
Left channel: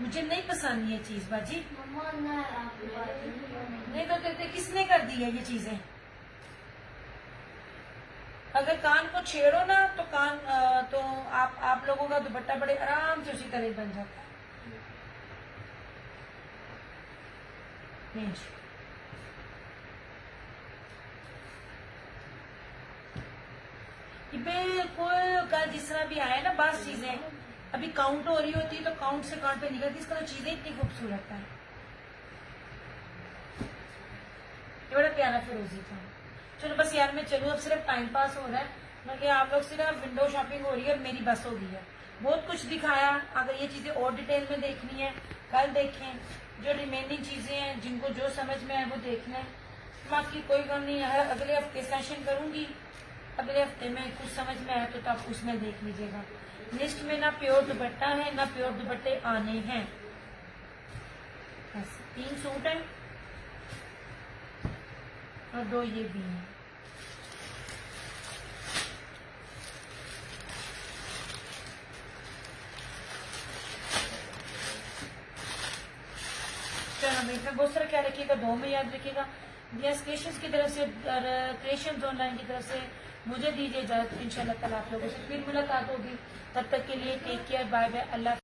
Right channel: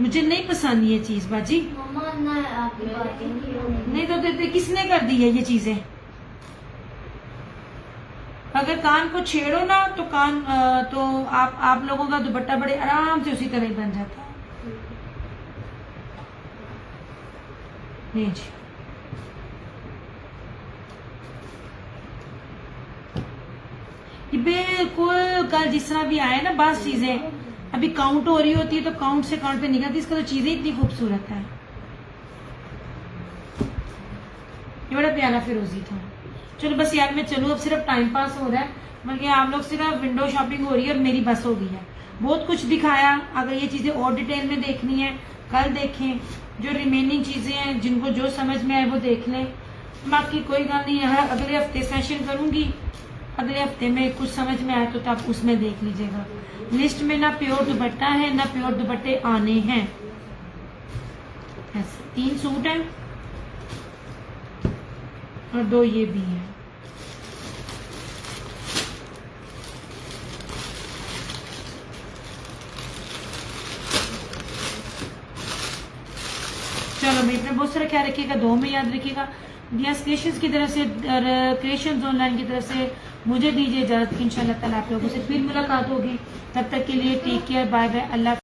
मुझे नहीं पसंद ये चीज बाजी। नहीं तो देते किसने कर दी है ये चीजें। अगर कान को छेड़ो ना तो कान तो आप लोगों का दुपट्टा बड़े आराम से उसी तरह ही बन जाता है। नहीं जी, ये बिल्कुल कल जिस तरह भी आए ना, बस चीजें अभी काउंट हो रही होती है तो काउंट से काउंट पे निकलती, इसका तो चीजें इतनी खूबसूरत है। ये बड़ा प्यारा फिरोजी था। चलो बस यार मैं चलूँ, अब सिर्फ टाइम पास हो रहा है, बल्कि आप लोग सिर्फ विंडो शॉपिंग हो रही है और मेरी बस हो गई है। बहुत कुछ दिखाया, अगर ये चीजें और डिटेल में देखनी है कल देखें, जो रिमेनिंग चीजें हैं जिनको जो समझ में आए वो देख लें। बाकी कोई गल नहीं है, अगले हफ्ते सेशन करूंगी, अगले हफ्ते में कुछ समझ में आए तो आप उसमें देख लीजिएगा। लिस्ट में ना प्योर दुपट्टा है ना प्योर दुपट्टे आने हैं। ऐसे 3 सूट हैं और 2 ये भी हैं। चलो भाई अपना बहुत सारा ख्याल रखिएगा, 2 में याद रखिएगा। दियास क्रिएशंस की तरफ से और क्रिएशंस ऑनलाइन की तरफ से मुझे दीजिए इजाजत। इंशाल्लाह ताला आप लोगों से फिर मुलाकात होगी, तब तक के लिए टेक केयर, बाय बाय, अल्लाह।